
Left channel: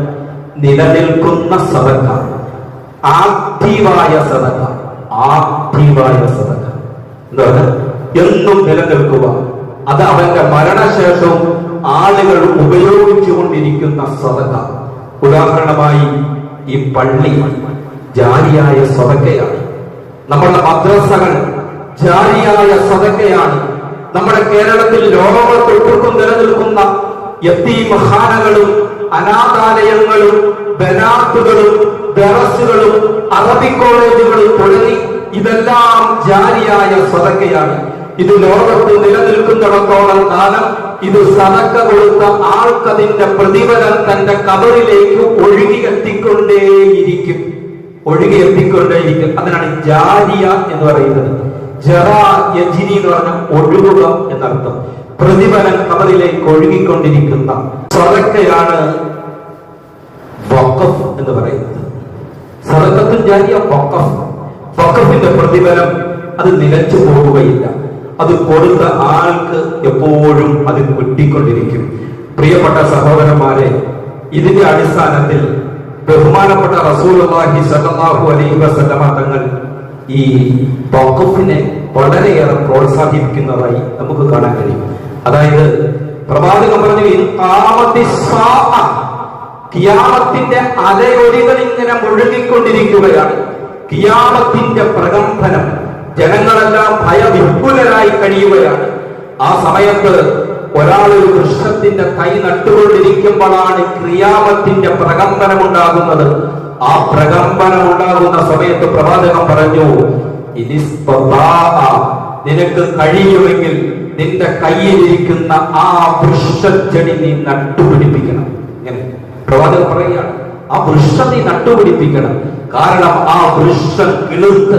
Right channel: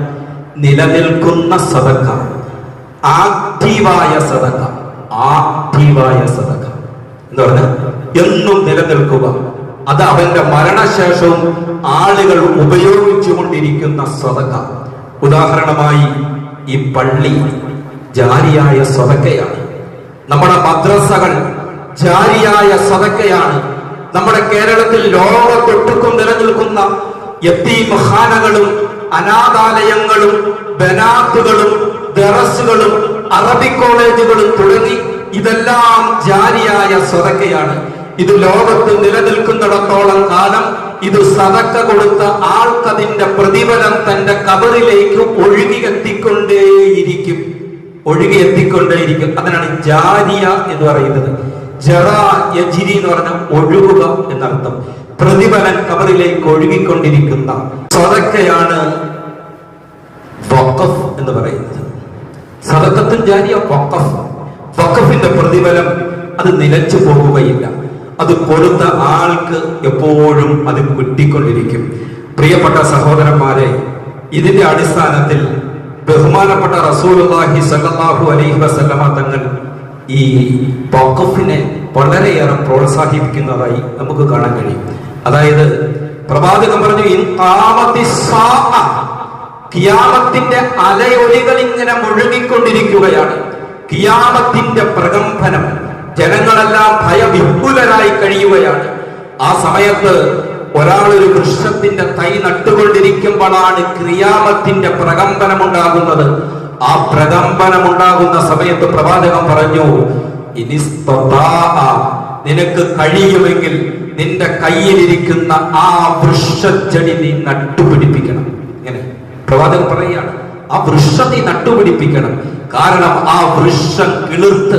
നിലനിൽക്കുന്ന സദഖ, ആക്റ്റീവായ സദഖ. ആക്റ്റീവായ സദഖ എന്താ പറഞ്ഞാൽ? എന്നും നിലനിൽക്കുക, അത് അവന്റെ മരണശേഷവും ആളുകൾ ഉപയോഗിച്ചു കൊണ്ടിരിക്കുന്ന സദഖ. ഉദാഹരണമായി ഈ പള്ളി ജാരിയായ സദഖയാണ്. നമ്മുടെ മദ്രസകൾ ജാരിയായ സദക്കയാണ്. നമ്മുടെ കേരളത്തിൽ ലോകത്തൊട്ടുക്കും നിലനിൽക്കുന്ന യതീംഖാനകളും അനാഥാലയങ്ങളും ബനാത്തുകളും ദറസുകളും അറബിക് കോളേജുകളും തുടങ്ങി ഇതെല്ലാം ജാരിയായ സദക്കയാണ്. ഇത് ലോകത്ത് നിലനിൽക്കുന്നിടത്തോളം കാലം ഇത് സദക്ക കൊടുത്ത ആൾക്കതിന്റെ പ്രതിഫലം തന്റെ കബറിലേക്ക് ഒഴുകിയെത്തിക്കൊണ്ടേയിരിക്കും. അതിനാണ് ജാരിയ എന്ന് പറയുന്നത്. ജറാ യജ്രി എന്ന് പറഞ്ഞ ഒഴുകുക എന്നർത്ഥം. പ്രതിഫലം കബറിലേക്ക് ഒഴുകിക്കൊണ്ടിരിക്കുന്ന സദക്കയാണ് വഖഫ് എന്ന് പറയുന്നത്. സദഖത്തുൽ ജാരിയ വഖഫ്. വഖഫിന്റെ പ്രതിഫലം അത് നിലച്ചു പോകുകയില്ല. അത് കൊടുത്ത ആൾക്ക് എപ്പോഴും അത് കിട്ടിക്കൊണ്ടിരിക്കും. പ്രിയപ്പെട്ട സഹോദരന്മാരെ, ഇതിന്റെ അടിസ്ഥാനത്തിൽ ബഹുമാനപ്പെട്ട റസൂലുള്ളാഹി സ്വല്ലല്ലാഹു അലൈഹി വസല്ലമ തങ്ങൾ ഈ വഖഫിനെ വളരെയേറെ പ്രോത്സാഹിപ്പിക്കുന്നതായി നമുക്ക് കാണാൻ കഴിയും. അതായത് പ്രവാചകൻ പറഞ്ഞു, ഖിയാമത്തിന്റെ അലയൊലികൾ ഇങ്ങനെ മുഴുകിക്കൊണ്ടിരിക്കുകയാണ്. ഖിയാമത്തിന്റെ പ്രകമ്പനം, ജനങ്ങളെല്ലാം ഭയവിഹ്വലരായി കഴിയുകയാണ്. ആ സമയത്ത് ഒരാൾ ഒരു വൃക്ഷത്തിന്റെ തൈ നട്ടുകൊണ്ടിരിക്കുമ്പോഴാണ് ഖിയാമത്തിന്റെ പ്രകമ്പനം ഉണ്ടാകുന്നത്. ആ പ്രകമ്പനം ഉണ്ടാകുന്ന സമയത്ത് പ്രവാചകൻ പറഞ്ഞു, നിനക്ക് കഴിയുമെങ്കിൽ നിന്റെ കയ്യിലിരിക്കുന്ന ആ വൃക്ഷച്ചെടി നീ നട്ടുപിടിപ്പിക്കണം. ഇങ്ങനെ പ്രവാചകൻ പറയുകയാണ്, ആ വൃക്ഷം നീ നട്ടുപിടിപ്പിക്കണം. കാരണം ആ വൃക്ഷം കിളിർത്ത്,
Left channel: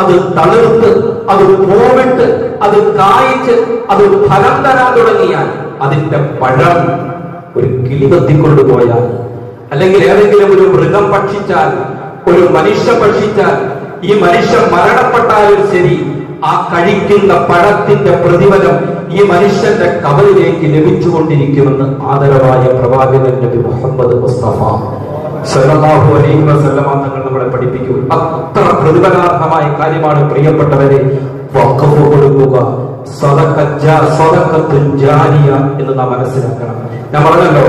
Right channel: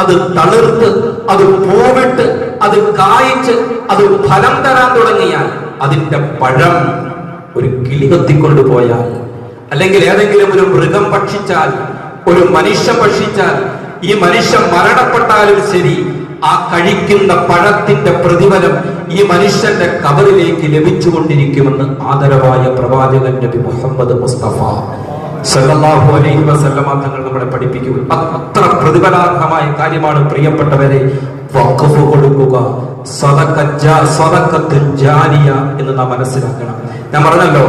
അത് തളിർത്ത്, അത് പൂവിട്ട്, അത് കായ്ച്ച്, അത് ഫലം തരാൻ തുടങ്ങിയാൽ, അതിന്റെ പഴം ഒരു കിളി കൊത്തിക്കൊണ്ടുപോയാൽ, അല്ലെങ്കിൽ ഏതെങ്കിലും ഒരു മൃഗം ഭക്ഷിച്ചാൽ, ഒരു മനുഷ്യൻ ഭക്ഷിച്ചാൽ, ഈ മനുഷ്യൻ മരണപ്പെട്ടാലും ശരി, ആ കഴിക്കുന്ന പഴത്തിന്റെ പ്രതിഫലം ഈ മനുഷ്യന്റെ കബറിലേക്ക് ലഭിച്ചുകൊണ്ടിരിക്കുമെന്ന് ആദരവായ പ്രവാചകൻ നബി മുഹമ്മദ് മുസ്തഫ സല്ലല്ലാഹു അലൈഹി വസല്ലമ തങ്ങൾ നമ്മളെ പഠിപ്പിക്കുക. അത്ര പ്രതിഫലാർഹമായ കാര്യമാണ് പ്രിയപ്പെട്ടവരെ വഖഫ് കൊടുക്കുക, സദഖത്തുൽ ജാരിയ എന്ന് നാം മനസ്സിലാക്കണം. ഞാൻ പറഞ്ഞല്ലോ,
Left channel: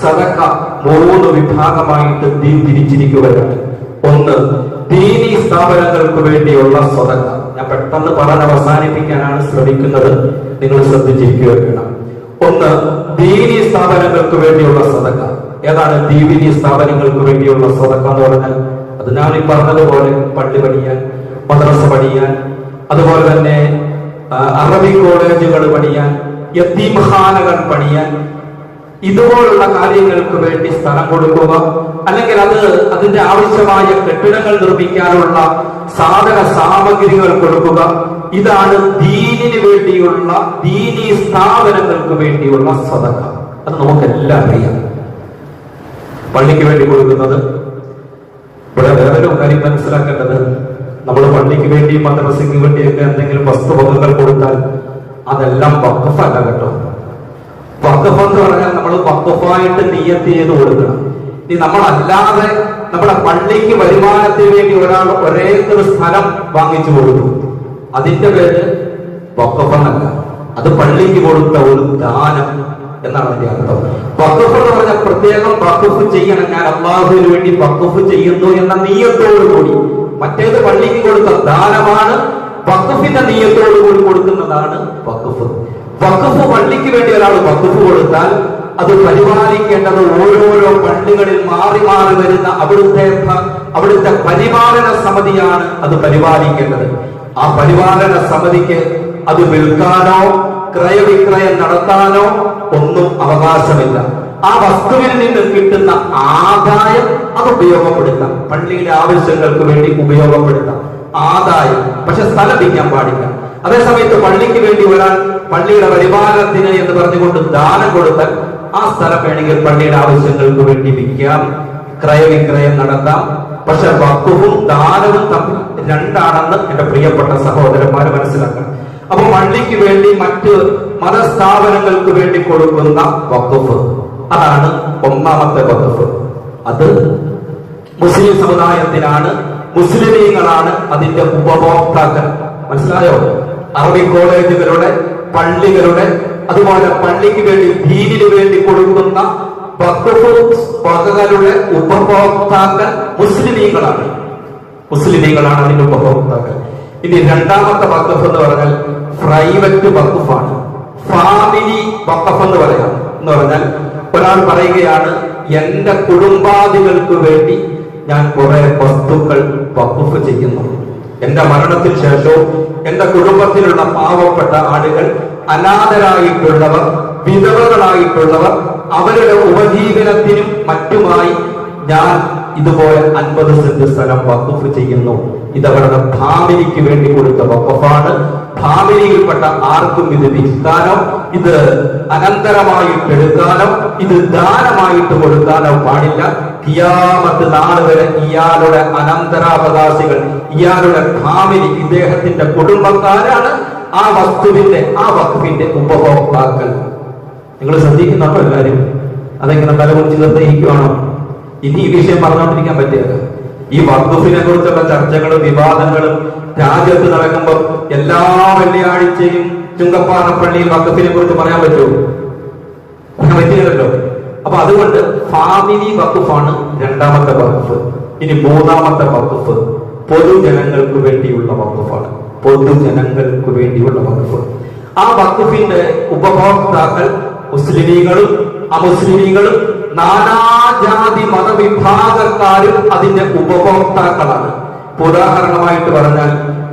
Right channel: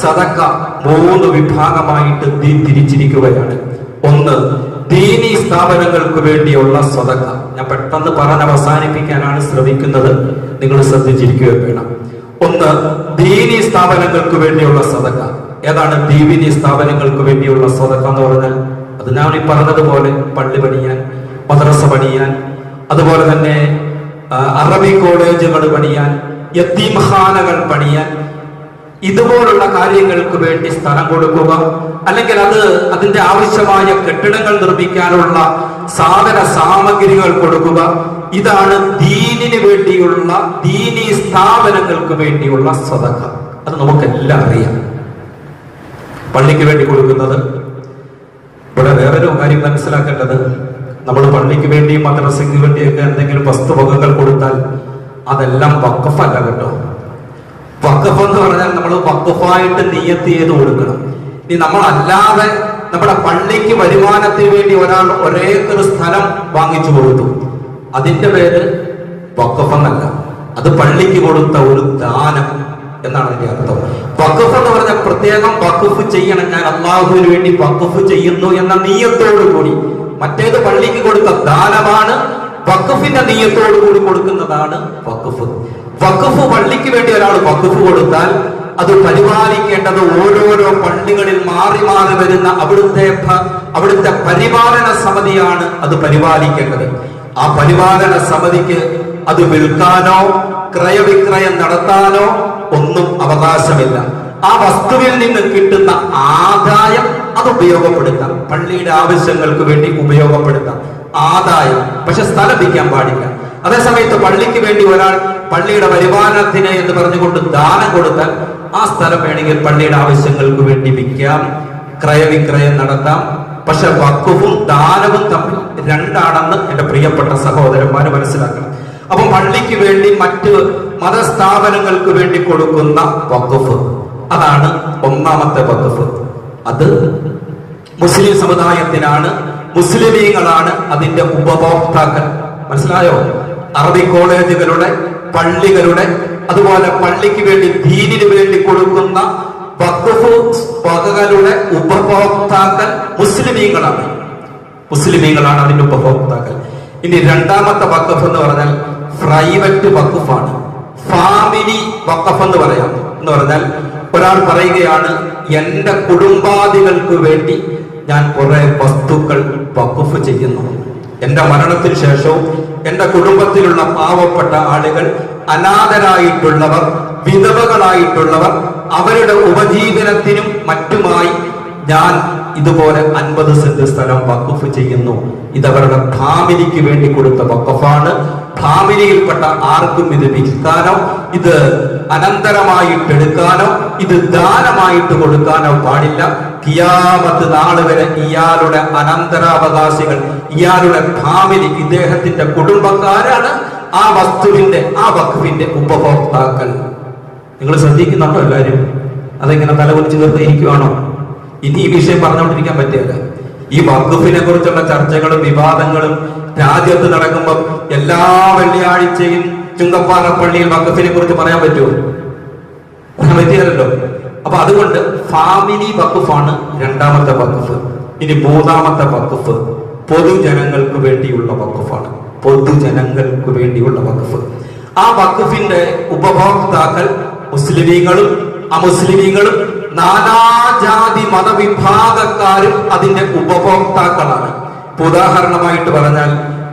സദഖ 3 വിഭാഗമായിട്ട് തിരിച്ചിരിക്കുകയാണ്. ഒന്ന്, ദീനീ സ്ഥാപനങ്ങൾക്ക് വേണ്ടിയുള്ള സദഖ. ഞാൻ പെട്ടെന്ന് പറഞ്ഞ് അവസാനിപ്പിക്കാനാണ് ശ്രമിക്കുന്നത്, നിങ്ങൾ ശ്രദ്ധിച്ചിരിക്കുക വേണം. ഒന്ന്, ദീനീ സ്ഥാപനങ്ങൾക്ക് വേണ്ടിയുള്ള സദഖ. ഏതാണ് ദീനീ സ്ഥാപനങ്ങൾക്ക് വേണ്ടിയുള്ള സദഖ എന്ന് പറഞ്ഞാൽ? അത് ഞാൻ ഈ പറഞ്ഞതുപോലെ പള്ളി പണിയാൻ, മദ്രസ പണിയാൻ, അതുപോലെ തന്നെ അറബിക് കോളേജുകൾ പണിയാൻ, യതീംഖാനകൾ പണിയാൻ, ഇതുപോലുള്ള കാര്യങ്ങൾക്ക് വേണ്ടി സ്ഥലം കൊടുക്കുക, അല്ലെങ്കിൽ അതിന്റെ ആവശ്യമായ കെട്ടിടങ്ങൾ നിർമ്മിക്കാനുള്ള സാധന സാമഗ്രികൾ കൊടുക്കുക. ഇതാണ് ദീനിന് വേണ്ടിയുള്ള, ദീനീ സ്ഥാപനങ്ങൾക്ക് വേണ്ടിയുള്ള സദഖ. അത് നമുക്കെല്ലാം അറിയാം. പള്ളിക്ക് വേണ്ടി കൊടുക്കുന്നത്, ഇവിടെ വേറൊരു കാര്യം മനസ്സിലാക്കേണ്ടത്, നമ്മൾ പള്ളിക്ക് വേണ്ടി മദ്രസയ്ക്ക് വേണ്ടിയൊക്കെ എന്തെങ്കിലും വസ്തുവകകൾ കൊടുത്താൽ അതെല്ലാം വഖഫല്ല കേട്ടോ. വഖഫ് എന്ന് പറഞ്ഞാൽ നമ്മൾ വഖഫായിട്ട് നിയ്യത്ത് ചെയ്ത് കൊടുക്കണം. ഇനി നമ്മളല്ലാതെ നമ്മുടെ പള്ളിക്ക് വരുമാനത്തിന് വേണ്ടി ഒരാൾ ഒരേക്കർ സ്ഥലം വാങ്ങിച്ചു കൊടുത്തു, അതിന്റെ പേര് വഖഫ് എന്നല്ല, അത് പള്ളിക്ക് കൊടുത്ത ഒരു ദാനം എന്നാണ് അതിന്റെ അർത്ഥം. വഖഫ് എന്ന് പറഞ്ഞാൽ പ്രത്യേകം വഖഫ് ചെയ്യണം, ഞാൻ അള്ളാഹുവിന് വേണ്ടി വഖഫ് ചെയ്യുന്നു എന്ന നിയ്യത്തോടു കൂടി. മറ്റേത് പള്ളിക്ക് കൊടുത്ത ദാനമാണ്, വഖഫിന്റെ നിയ്യത്തോടു കൂടി കൊടുക്കുന്നതാണ് വഖഫ്. വഖഫ് പള്ളിക്ക് വേണ്ടി ഒരാൾ വഖഫ് കൊടുത്താൽ അത് പരിപാലിക്കേണ്ടത് ഓരോരോ പള്ളികളിൽ മാറി മാറി വരുന്ന അവിടുത്തെ പരിപാലന സമിതിയാണ് അത് പരിപാലിക്കേണ്ടത്. ആ പരിപാലന സമിതിക്ക് അത് വിൽക്കാനോ ക്രയവിക്രയം നടത്താനോ ഒന്നും അവകാശമില്ല. ആ വസ്തുവിൽ നിന്ന് കിട്ടുന്ന ആദായം അത് ഉപയോഗപ്പെടുത്താം, പള്ളിയുടെ ആവശ്യങ്ങൾക്ക് വേണ്ടി ഉപയോഗപ്പെടുത്താം, ആദായം. പക്ഷെ സ്ഥലം വിൽക്കാൻ പാടില്ല. അതേസമയത്ത് പള്ളിക്ക് വേണ്ടി ഒരാൾ പള്ളിയുടെ വരുമാനത്തിന് എന്ന് പറഞ്ഞുകൊണ്ട് ദാനം കൊടുത്താൽ ആ സ്ഥലം വേണമെങ്കിൽ പള്ളിയുടെ ആവശ്യങ്ങൾക്ക് വേണ്ടി വിൽക്കാം, ക്രയവിക്രയം നടത്താം. പക്ഷെ വഖഫും ദാനവും തമ്മിൽ രണ്ടാണെന്ന് എന്റെ പ്രിയപ്പെട്ട സഹോദരന്മാര് മനസ്സിലാക്കണം. അപ്പൊ പള്ളിക്ക് വേണ്ടി മറ്റ് മതസ്ഥാപനങ്ങൾക്ക് വേണ്ടി കൊടുക്കുന്ന വഖഫ്, അതാണ് ഒന്നാമത്തെ വഖഫ്. അത് മുസ്ലിം സമുദായത്തിനാണ്, മുസ്ലിമീങ്ങളാണ് അതിന്റെ ഉപഭോക്താക്കൾ. മനസ്സിലായോ? അറബിക് കോളേജുകളുടെ, പള്ളികളുടെ, അതുപോലെ പള്ളിക്ക് വേണ്ടി ദീനിന് വേണ്ടി കൊടുക്കുന്ന വഖഫ് വകകളുടെ ഉപഭോക്താക്കൾ മുസ്ലിമീങ്ങളാണ്. മുസ്ലിമീങ്ങളാണ് അതിന്റെ ഉപഭോക്താക്കൾ. ഇനി രണ്ടാമത്തെ വഖഫ് എന്ന് പറഞ്ഞാൽ പ്രൈവറ്റ് വഖഫാണ്. ഫാമിലി വഖഫ് എന്ന് പറയാം. എന്ന് പറഞ്ഞാൽ ഒരാൾ പറയുകയാണ്, എന്റെ കുടുംബാദികൾക്ക് വേണ്ടി ഞാൻ കുറെ വസ്തുക്കൾ വഖഫ് ചെയ്യുന്നു. എന്റെ മരണത്തിന് ശേഷവും എന്റെ കുടുംബത്തിലുള്ള പാവപ്പെട്ട ആളുകൾ, അനാഥരായിട്ടുള്ളവർ, വിധവകളായിട്ടുള്ളവർ, അവരുടെ ഉപജീവനത്തിനും മറ്റുമായി ഞാൻ ഇതുപോലെ 50 സെന്റ് സ്ഥലം വഖഫ് ചെയ്യുന്നു. ഇതവരുടെ ഫാമിലിക്ക് വേണ്ടി കൊടുത്ത വഖഫാണ്. ഫാമിലിയിൽപ്പെട്ട ആർക്കും ഇത് വിൽക്കാനോ ഇത് അനന്തരമായിട്ട് എടുക്കാനോ ഇത് ദാനമായിട്ട് കൊടുക്കാനോ പാടില്ല. ഖിയാമത്ത് നാൾ വരെ ഇയാളുടെ അനന്തരാവകാശികൾ, ഇയാളുടെ ഫാമിലി, ഇദ്ദേഹത്തിന്റെ കുടുംബക്കാരാണ് ആ വസ്തുവിന്റെ, ആ വഖഫിന്റെ ഉപഭോക്താക്കൾ. നിങ്ങൾ ശ്രദ്ധിക്കുന്നുണ്ടോ എല്ലാവരും? അതെങ്ങനെ തലകുറിച്ച് നിർണ്ണയിക്കുവാണോ? ഇനി ഈ വിഷയം പറഞ്ഞുകൊണ്ടിരിക്കാൻ പറ്റില്ല. ഈ വഖഫിനെ കുറിച്ചുള്ള ചർച്ചകളും വിവാദങ്ങളും രാജ്യത്ത് നടക്കുമ്പോൾ എല്ലാ വെള്ളിയാഴ്ചയും ചുങ്കപ്പാറ പള്ളിയിൽ വഖഫിനെ കുറിച്ച് പറയാൻ പറ്റുമോ? പറയാൻ പറ്റിയതല്ലോ. അപ്പൊ അതുകൊണ്ട് ഫാമിലി വഖഫാണ് രണ്ടാമത്തെ വഖഫ്. ഇനി മൂന്നാമത്തെ വഖഫ് പൊതുജനങ്ങൾക്ക് വേണ്ടിയുള്ള വഖഫാണ്. പൊതുജനങ്ങൾക്ക് വേണ്ടിയുള്ള വഖഫ്. ആ വഖഫിന്റെ ഉപഭോക്താക്കൾ മുസ്ലിമീങ്ങളും അമുസ്ലിമീങ്ങളും നാനാജാതി മതവിഭാഗക്കാരും അതിന്റെ ഉപഭോക്താക്കളാണ്. ഉദാഹരണമായിട്ട് പറഞ്ഞാൽ,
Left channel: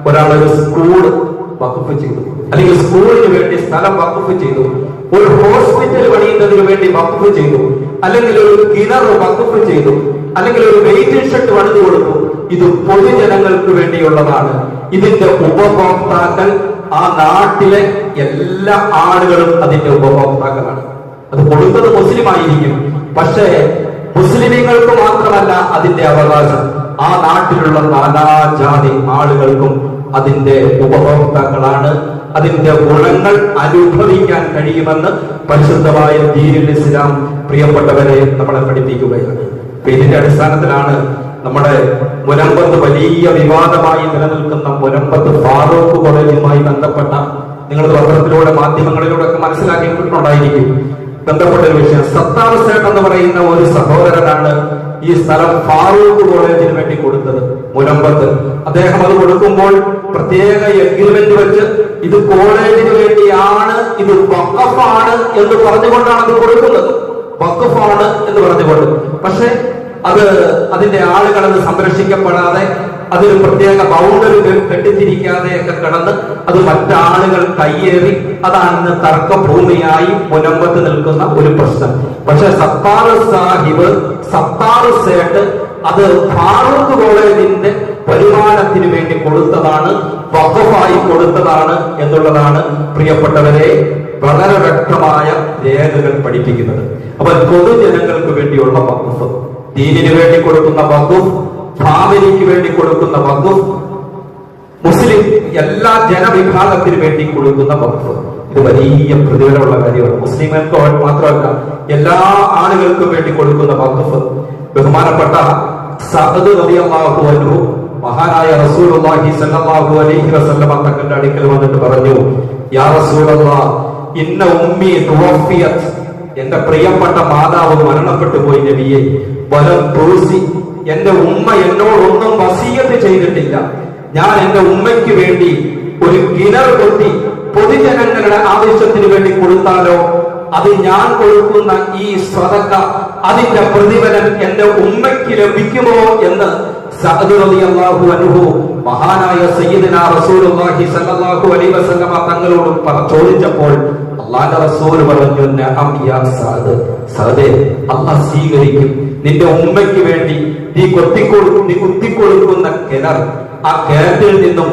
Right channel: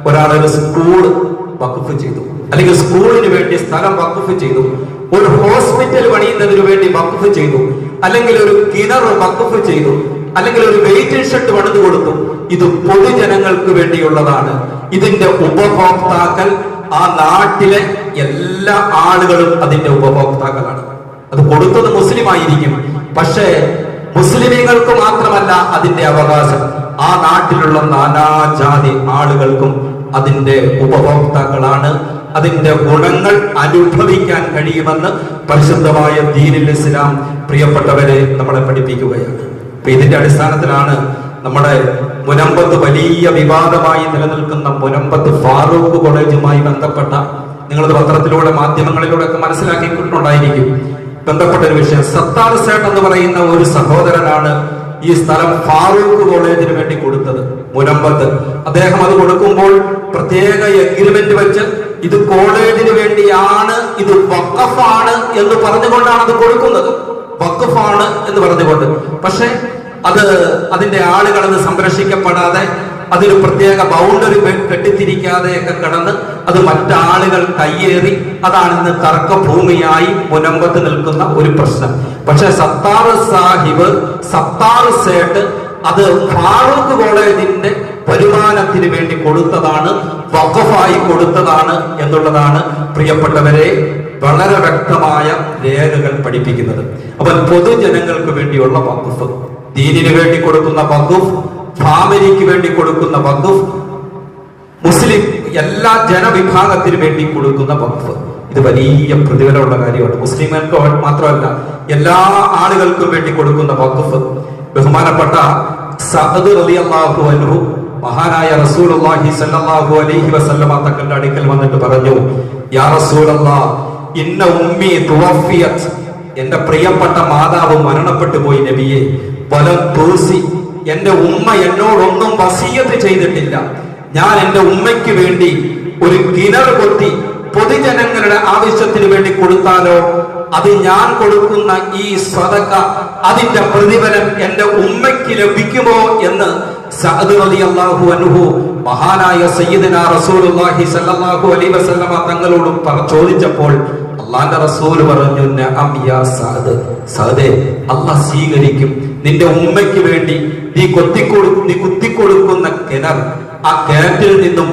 ഒരാളൊരു സ്കൂൾ വഖഫ് ചെയ്തു, അല്ലെങ്കിൽ സ്കൂളിന് വേണ്ടി സ്ഥലം വഖഫ് ചെയ്തു, ഒരു ഹോസ്പിറ്റൽ പണിയുന്നതിന് വേണ്ടി വഖഫ് ചെയ്തു, അല്ലെങ്കിൽ ഒരു കിണർ വഖഫ് ചെയ്തു, അല്ലെങ്കിൽ ഒരു വെയിറ്റിംഗ് ഷെഡ് പണിതു കൊടുത്തു. ഇത് പൊതുജനങ്ങൾക്ക് വേണ്ടിയുള്ളതാണ്. ഇതിന്റെ ഉപഭോക്താക്കൾ ആ നാട്ടിലെ എല്ലാ ആളുകളും അതിന്റെ ഉപഭോക്താക്കളാണ്. അത് കൊടുത്തത് മുസ്ലിം ആയിരിക്കും, പക്ഷേ മുസ്ലിമീങ്ങൾക്ക് മാത്രമല്ല അതിന്റെ അവകാശം. ആ നാട്ടിലുള്ള നാനാജാതി ആളുകൾക്കും അതിന്റെ ഉപഭോക്താക്കളാണ്. അതിന്റെ ഗുണങ്ങൾ അനുഭവിക്കാൻ കഴിയുമെന്ന് പരിശുദ്ധമായ ദീനുൽ ഇസ്ലാം പ്രിയപ്പെട്ടവരെ നമ്മളെ പഠിപ്പിക്കുകയാണ്. അപ്പൊ ഇതിന്റെ അടിസ്ഥാനത്തിലാണ് നമ്മുടെ മുനമ്പത്ത് വലിയ വിവാദമായി നിലനിൽക്കുന്ന മുനമ്പത്ത് ഫാറൂഖ് കോളേജുമായി ബന്ധപ്പെട്ട, നിങ്ങൾ പത്രത്തിലൂടെ മാധ്യമങ്ങളിലൂടെ ഒക്കെ മനസ്സിലാക്കിയിട്ടുണ്ടായിരിക്കും, ബന്ധപ്പെട്ട ഒരു വിഷയം. സത്താർ സേട്ട് എന്ന് പറയുന്ന ഒരു സഹോദരനാണ് ഈ സ്ഥലം ഫാറൂഖ് കോളേജിന് വേണ്ടി കൊടുത്തത് മുനമ്പത്ത്. അദ്ദേഹം അത് കൊടുക്കുമ്പോൾ പ്രത്യേക എഗ്രിമെന്റ് വെച്ച് ഇത് കോളേജിന് വേണ്ടിയാണ്, ഇത് വഖഫാണ് എന്ന് പറഞ്ഞുകൊണ്ടാണ് അത് കൊടുക്കുന്നത്. വഖഫാണ് എന്ന് പറഞ്ഞുകൊണ്ട്. പക്ഷെ അതിന്റെ ആളുകൾ അത് സംരക്ഷിക്കപ്പെടാതെ, അതിന് പ്രത്യേക ബൗണ്ടറി കെട്ടിത്തിരിക്കാതെയൊക്കെ കിടന്ന് അത് മറ്റാളുകൾ കയ്യേറി, അതാണ് ഇന്ന് തർക്കഭൂമിയായി മുനമ്പത്ത് നിൽക്കുന്ന ഒരു പ്രശ്നം. പക്ഷെ സത്താർ സാഹിബ്, സത്താർ സേട്ട് അത് ഫാറൂഖ് കോളേജിന്റെ വരുമാനത്തിന് വേണ്ടി കൊടുത്തതാണ്, വഖഫായി കൊടുത്തതാണ് എന്നുള്ളതാണ് പ്രിയപ്പെട്ടവരെ വളരെ വ്യക്തമായ രേഖകൾ പഠിപ്പിക്കുന്നത്. അപ്പോൾ പൊതുജനങ്ങൾക്ക് വേണ്ടിയുള്ള വഖഫ്, ദീനിന് വേണ്ടി കൊടുക്കുന്ന വഖഫ്, ഫാമിലിക്ക് വേണ്ടി കൊടുക്കുന്ന വഖഫ്, മുസ്ലിം എല്ലാ ജനവിഭാഗത്തിന് വേണ്ടി കൊടുക്കുന്ന വഖഫ്, ഇത് വലിയ പ്രതിഫലമുള്ള കാര്യമാണ്. മുസ്ലിങ്ങൾക്ക് മാത്രമല്ല, എല്ലാ ആളുകൾക്കും വേണ്ടി കൊടുക്കുന്ന വഖഫ്. ബഹുമാനപ്പെട്ട സഅദ് റളിയല്ലാഹു അൻഹു മഹാനായ റസൂലുള്ളാഹി സ്വല്ലല്ലാഹു അലൈഹി വസല്ലമ തങ്ങളുടെ അടുക്കൽ വന്നിട്ട് പറഞ്ഞു, യാ റസൂലല്ലാഹ്, ഇന്ന ഉമ്മി തുവഫിയത്, എന്റെ പ്രിയപ്പെട്ട മാതാവ് മരണപ്പെട്ടു പോയി നബിയെ. വലം തൂസി, എന്റെ ഉമ്മ എന്നോടൊന്നും വസിയത്ത് ചെയ്തിട്ടില്ല. ഞാൻ എന്റെ ഉമ്മയ്ക്ക് വേണ്ടി ഒരു കിണർ കൊത്തി പൊതുജനങ്ങളുടെ ആവശ്യത്തിന് വേണ്ടി കൊടുത്താലോ, അത് ഞാൻ കൊടുക്കുന്ന ഈ സ്വതക്ക, അതിന്റെ പ്രതിഫലം എന്റെ ഉമ്മയ്ക്ക് ലഭിക്കുമോ എന്ന് സഅദ് റളിയല്ലാഹു അൻഹു മഹാനായ സയ്യിദുനാ റസൂലുള്ളാഹി സ്വല്ലല്ലാഹു അലൈഹി വസല്ലമ തങ്ങളോട് ചോദിച്ചപ്പോൾ അല്ലാഹുവിന്റെ റസൂൽ പറഞ്ഞു, നഅം യാ സഅദ്, സഅദേ, അല്ലാഹ് സ്വീകരിക്കും. നിന്റെ ഉമ്മയ്ക്ക് വേണ്ടി നീ കുത്തിക്കൊടുക്കുന്ന കിണർ, ആ കിണറ്റിൽ നിന്നും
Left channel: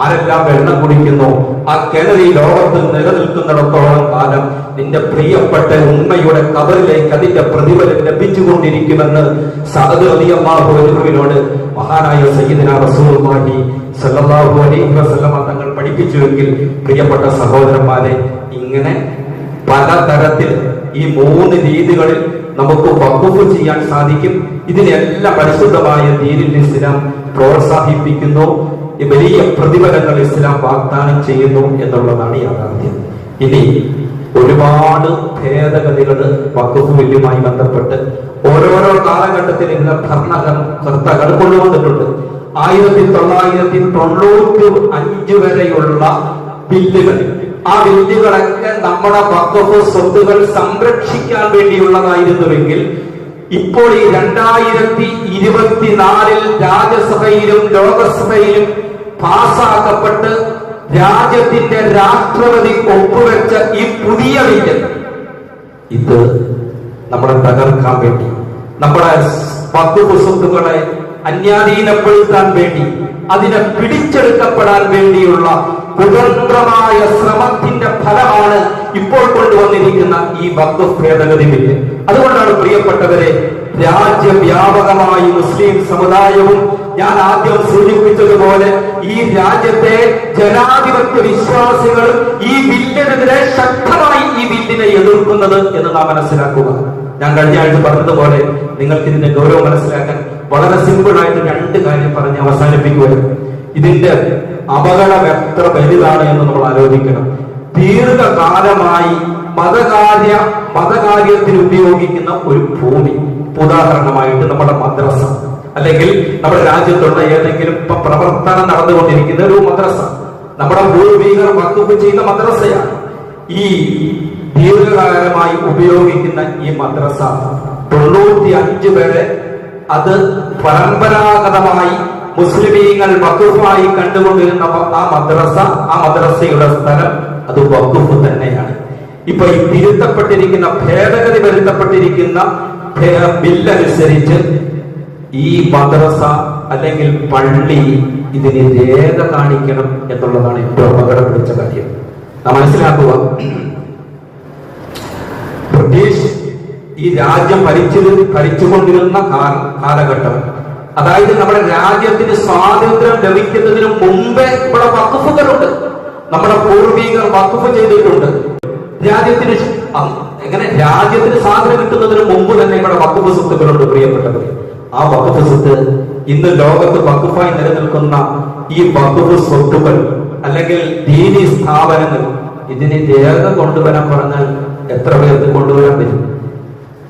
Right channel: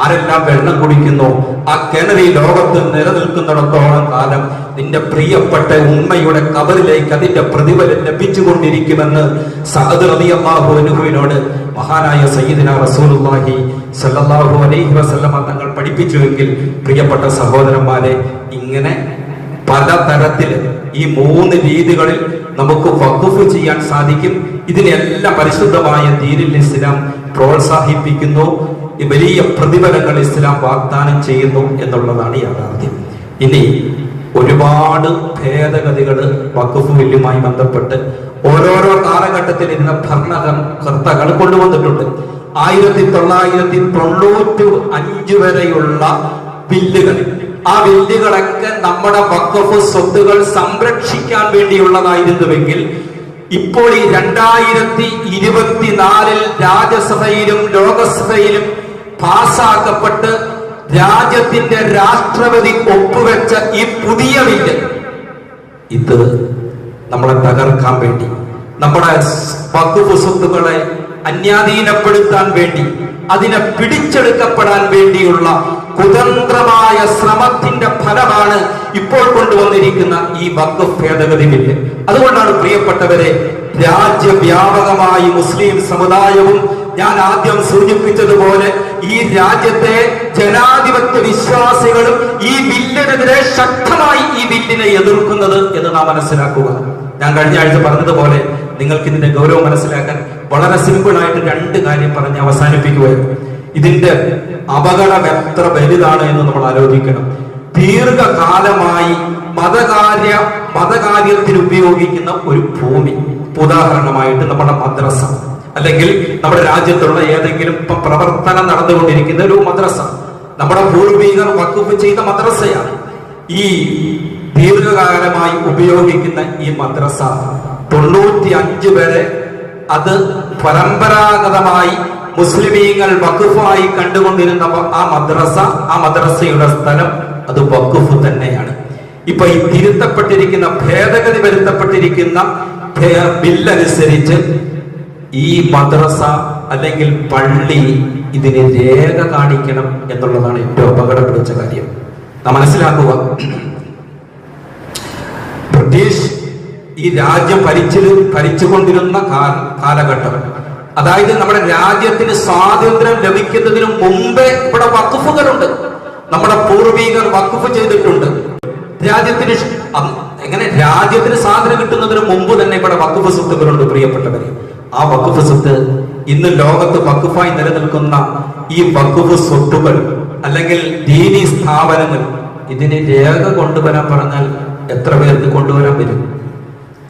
ആരെല്ലാം വെള്ളം കുടിക്കുന്നു, ആ കിണർ ഈ ലോകത്ത് നിലനിൽക്കുന്നിടത്തോളം കാലം നിന്റെ പ്രിയപ്പെട്ട ഉമ്മയുടെ കബറിലേക്ക് അതിന്റെ പ്രതിഫലം ലഭിച്ചുകൊണ്ടിരിക്കുമെന്ന് സഅദ് റളിയല്ലാഹു അൻഹുവിനോട് മഹാനായ സയ്യിദുനാ റസൂലുള്ളാഹി സ്വല്ലല്ലാഹു അലൈഹി വസല്ലമ തങ്ങൾ പഠിപ്പിച്ചുവെങ്കിൽ, പ്രിയപ്പെട്ട സഹോദരന്മാരെ, ഇങ്ങനെ പലതരത്തിൽ ഈ 3 രീതികളിൽ നമുക്ക് വഖഫ് ചെയ്യാൻ സാധിക്കും. ഇതിനെല്ലാം പരിശുദ്ധമായ ദീനുൽ ഇസ്ലാം പ്രോത്സാഹിപ്പിക്കുന്നു. വലിയ പ്രതിഫലങ്ങൾ ഇസ്ലാം വാഗ്ദാനം ചെയ്യുന്നു എന്നുള്ളതാണ് യാഥാർത്ഥ്യം. ഇനി ഒരുപാട് ഭേദഗതികൾ വഖഫ് ബില്ലുമായി ബന്ധപ്പെട്ട് ഓരോരോ കാലഘട്ടത്തിൽ ഇതിന്റെ ഭരണകർത്താക്കൾ കൊണ്ടുവന്നിട്ടുണ്ട്. 1995 വരെയുള്ള ബില്ലുകൾ, ആ ബില്ലുകളൊക്കെ നമ്മുടെ വഖഫ് സ്വത്തുകൾ സംരക്ഷിക്കാൻ വേണ്ടിയുള്ളതായിരുന്നുവെങ്കിൽ ഇപ്പോൾ ഈ 2024 രാജ്യസഭയിലും ലോകസഭയിലും പാസാക്കപ്പെട്ട് രാജ്യത്തിന്റെ രാഷ്ട്രപതി ഒപ്പുവെച്ച ഈ പുതിയ ബില്ല് ഇത് നമ്മളെ തകർക്കാൻ വേണ്ടി, നമ്മുടെ വഖഫ് സ്വത്തുക്കളെ അന്യാധീനപ്പെടുത്താൻ വേണ്ടി, അതിനെ പിടിച്ചെടുക്കപ്പെടാൻ വേണ്ടിയുള്ള കുതന്ത്രമായ ശ്രമത്തിന്റെ ഫലമാണ് ഇപ്പോൾ കൊണ്ടുവന്നിരിക്കുന്ന ഈ വഖഫ് ഭേദഗതി ബില്ല്. അതുകൊണ്ടാണ് പ്രിയപ്പെട്ടവരെ, രാജ്യവ്യാപകമായി മുസ്ലിം സമുദായവും ഞാൻ ആദ്യം സൂചിപ്പിച്ചതുപോലെ ഈ രാജ്യത്തെ ജനാധിപത്യ വിശ്വാസികളും ഈ ബില്ലിനെതിരെ ശക്തമായി ഈ ബില്ലിനെ എതിർക്കുന്നത് എന്ന് നാം മനസ്സിലാക്കുക. ഞാൻ കഴിഞ്ഞ ആഴ്ച പറഞ്ഞതുപോലെ നിങ്ങൾക്ക് ഇതിന്റെ ഗൗരവം മനസ്സിലാക്കാൻ വളരെ സിമ്പിൾ ആയിട്ട് 2 കാര്യം പറഞ്ഞ് അവസാനിപ്പിക്കുകയാണ്. ഇതിന്റെ അപകടം എത്ര വലുതാണ് എന്ന് നമ്മൾ ആലോചിക്കണം. ദീർഘകാലമായി മതകാര്യത്തിന് ഉപയോഗിക്കുന്ന ഒരു ഭൂമി, ഉദാഹരണമായിട്ട് നമ്മുടെ മദ്രസ, അല്ലെങ്കിൽ നമ്മുടെ രാജ്യത്തുള്ള ഏതെങ്കിലും പ്രവർത്തനം നടന്നുകൊണ്ടിരിക്കുന്ന ഒരു മദ്രസ, നമ്മുടെ പൂർവികർ വഖഫ് ചെയ്ത മദ്രസയാണ്. ഈ ദീർഘകാലമായി ഉപയോഗിക്കുന്ന ഈ മദ്രസ 95 വരെ അത് പരമ്പരാഗതമായി മുസ്ലിമീങ്ങൾ വഖഫായി കണ്ടുകൊണ്ടിരുന്ന ആ മദ്രസയുടെ സ്ഥലം അത് വഖഫ് തന്നെയാണ്. ഇപ്പൊ ഈ തിരുത്തപ്പെട്ടിരിക്കുന്ന ഭേദഗതി വരുത്തപ്പെട്ടിരിക്കുന്ന ബില്ലനുസരിച്ച് ഈ മദ്രസ അല്ലെങ്കിൽ പള്ളി ഇതിന് രേഖ കാണിക്കണം എന്നുള്ളതാണ് ഏറ്റവും അപകടം പിടിച്ച കാര്യം. നാം മനസ്സിലാക്കുക, ബ്രിട്ടീഷ് ഈ രാജ്യം ഭരിച്ചുകൊണ്ടിരുന്ന കാലഘട്ടം, അതായത് നമ്മുടെ രാജ്യത്തിന് സ്വാതന്ത്ര്യം ലഭിക്കുന്നതിന് മുമ്പേ ഇവിടെ വഖഫുകളുണ്ട്. നമ്മുടെ പൂർവികർ വഖഫ് ചെയ്തിട്ടുണ്ട്. രാജ്യത്തിന് സ്വാതന്ത്ര്യം കിട്ടുന്നതിന് മുമ്പ് തന്നെ ഇവിടെ വഖഫ് സ്വത്തുക്കളുണ്ട്. പ്രിയപ്പെട്ടവരെ, ആ വഖഫ് സ്വത്ത് ഇന്ന് ലോകത്ത് വഖഫായി നിലനിൽക്കുന്ന ഈ വഖഫ് സ്വത്തുക്കൾ അല്ലെങ്കിൽ ദീനി സ്ഥാപനങ്ങൾ, ഇതിന് രേഖ കൊണ്ടുവരാൻ പറഞ്ഞാൽ എത്ര പേർക്ക് കൊണ്ടുവരാൻ പറ്റും?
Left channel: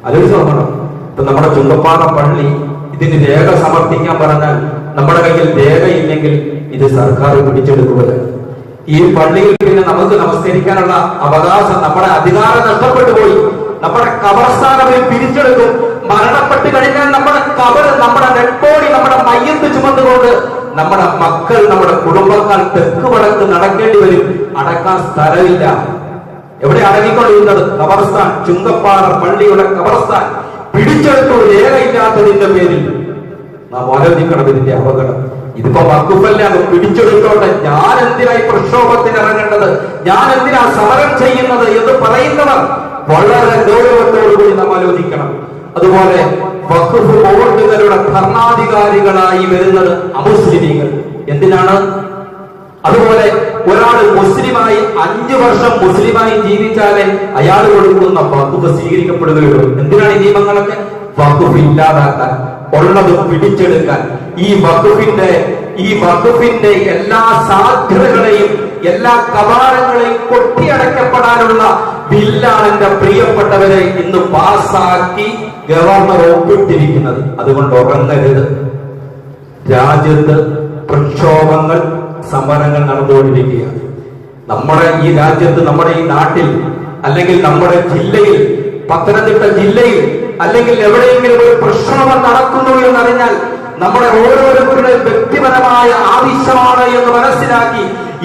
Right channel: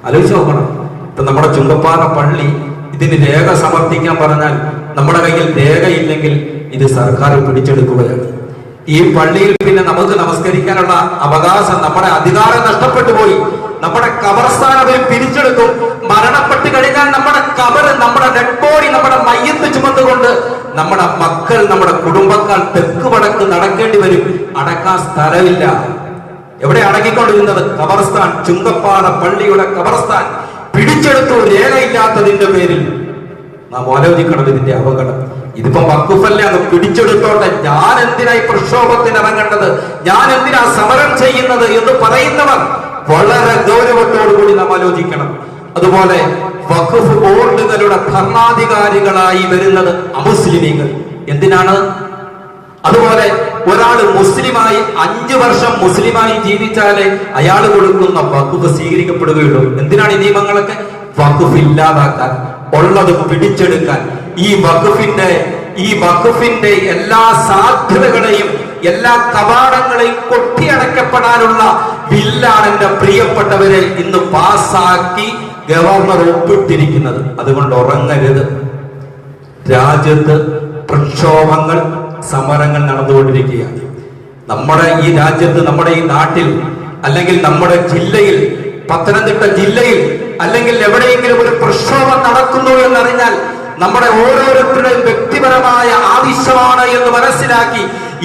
ആലോചിച്ച് നോക്കണം. ഇപ്പൊ നമ്മുടെ ചുങ്കപ്പാറ പള്ളി ഇതിന് രേഖ സമർപ്പിക്കാൻ പറഞ്ഞാൽ നമ്മുടെ കയ്യിൽ രേഖയില്ലെങ്കിൽ ഇത് സർക്കാർ പിടിച്ചെടുക്കുകയാണ്. ഈ പള്ളിയിൽ പിന്നെ നമുക്ക് നമസ്കരിക്കാനുള്ള അവകാശം, നമ്മുടെ അധികാരം നഷ്ടപ്പെട്ടു പോയി. നമ്മുടെ ഖബർസ്ഥാനം പിരിച്ചെടുക്കും. മരണപ്പെട്ട് കഴിഞ്ഞാൽ നമ്മുടെ ഖബർ, നമ്മുടെ ഡെഡ് ബോഡി, നമ്മുടെ മയ്യത്ത് ചുമന്നുകൊണ്ട് നമ്മുടെ മക്കൾ, നമ്മുടെ കുടുംബക്കാർ തെക്ക് വടക്ക് നടക്കേണ്ടി വരും. അടക്കാൻ സ്ഥലമില്ല. എവിടെ അടങ്ങിക്കൊണ്ടിരുന്നത്? ഖബർസ്ഥാൻ. ചുങ്കപ്പാറ പള്ളിയുടെ ഖബർസ്ഥാൻ പിടിച്ചെടുത്തു, രേഖയില്ലാത്തതിന്റെ പേരിൽ. നാം ആലോചിക്കണം ഇതിന്റെ അപകടം. ഇതിപ്പോ വഖഫല്ല, അത് പിടിച്ചെടുത്തോട്ടെ, ഞാൻ എന്തിനാ ഈ പ്രക്ഷോഭത്തിന് ഇറങ്ങേണ്ടത്, ഞാൻ എന്തിനാ സമരം ചെയ്യുന്നത് എന്ന് പറയുന്നവർ വളരെ ഗൗരവത്തോടുകൂടി നാം ആലോചിക്കണം. അതുപോലെ വഖഫ് ബോർഡുകളുടെ ഭരണാധികാരികളായി വരുന്നത് അമുസ്ലിമീങ്ങൾ. എന്തിനാണ്? അതുപോലെ ഒരാള് മുസ്ലിമായി 5 വർഷം മുസ്ലിമായി ജീവിച്ചാലേ അയാൾ കൊടുക്കുന്ന വഖഫ് സ്വീകരിക്കപ്പെടുകയുള്ളൂ. എന്തിനാണ് ഈ നിയമങ്ങളൊക്കെ? വഖഫ് ഇല്ലാതാക്കാൻ, ഉള്ളത് പിടിച്ചെടുക്കാൻ, ഈ വഖഫിന്റെ എല്ലാ സാധ്യതകളെയും എല്ലാ കവാടങ്ങളെയും കൊട്ടിയടക്കപ്പെടാനുള്ള ബില്ലാണ് എന്റെ പ്രിയപ്പെട്ടവരെ ഇന്ന് പാസാക്കി ഗവർണർ ഒപ്പിട്ടിരിക്കുന്നത്. അതുകൊണ്ട് ഉറങ്ങരുത്. രാജ്യത്ത് പ്രക്ഷോഭങ്ങൾ, സമരങ്ങൾ നടന്നുകൊണ്ടിരിക്കുകയാണ്. നമ്മുടെ ഈ രാജ്യത്ത്, നമ്മുടെ ഈ നാട്ടിൽ, അല്ലെങ്കിൽ നമ്മുടെ ജില്ലയിൽ, പത്തനംതിട്ട ജില്ലയിൽ അല്ലെങ്കിൽ എവിടെയെങ്കിലും ഒരു പ്രക്ഷോഭം നടക്കുന്നു എന്നറിഞ്ഞാൽ നമ്മുടെ ഓരോരുത്തരുടെയും വ്യക്തിപരമായ ആവശ്യമാണ് എന്ന് മനസ്സിലാക്കി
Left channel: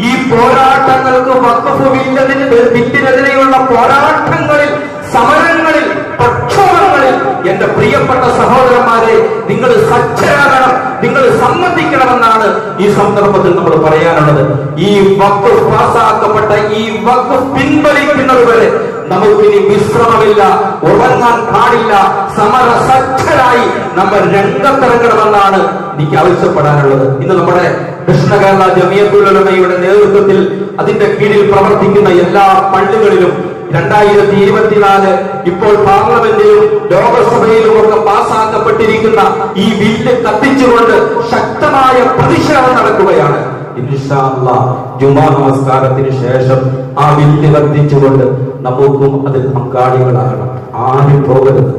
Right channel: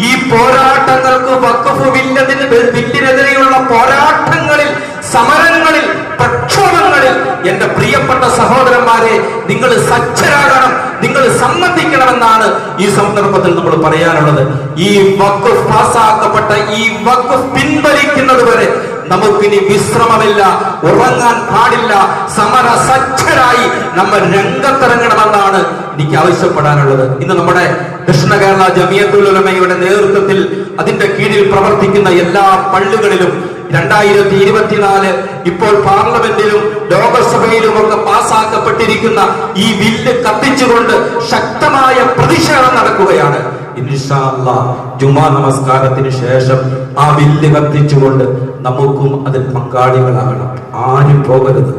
ഈ പോരാട്ടങ്ങൾക്ക്, വഖഫ് ബില്ലിനെതിരെയുള്ള പോരാട്ടങ്ങളിൽ, സമരങ്ങളിൽ, പ്രക്ഷോഭങ്ങളിൽ എന്റെ പ്രിയപ്പെട്ട സഹോദരന്മാരെ, നിങ്ങൾ സജ്ജരാകണം, നിങ്ങൾ സംബന്ധിക്കണമെന്നാണ് ഈ സന്ദർഭത്തിൽ നമ്മൾ പറയാനുള്ളത്. ഈ വഖഫ് പാസാക്കപ്പെട്ട ഈ വഖഫ് പിൻവലിക്കുന്നത് വരെ നമുക്കിനി വിശ്രമമില്ല, ഉറങ്ങാൻ പാടില്ല. സമരസജ്ജരായി നമ്മൾ രംഗത്തിറങ്ങണമെന്നാണ് എനിക്ക് ആവശ്യപ്പെടാനുള്ളത്. ഇന്ന് നമ്മുടെ ദക്ഷിണ കേരള ജമിയത്തുൽ ഉലമയുടെ നേതൃത്വത്തിൽ അതിന്റെ കീഴിൽ പ്രവർത്തിക്കുന്ന എല്ലാ പള്ളികളിലും 2024 ഇപ്പോൾ പാർലമെന്റിലും ലോകസഭയിലും ഒക്കെ പാസാക്കപ്പെട്ടിരിക്കുന്ന ഈ ബില്ല് കത്തിച്ചുകൊണ്ട് ശക്തമായ പ്രതിഷേധം നടക്കുകയാണ്. ഇൻഷാ അല്ലാഹ് ജുമാ നമസ്കാരത്തിന് ശേഷം ആ ബില്ല് കത്തിച്ചുകൊണ്ട് നമുക്കും അതിൽ പങ്കാളികളാകണം. ആരും പോകരുത്.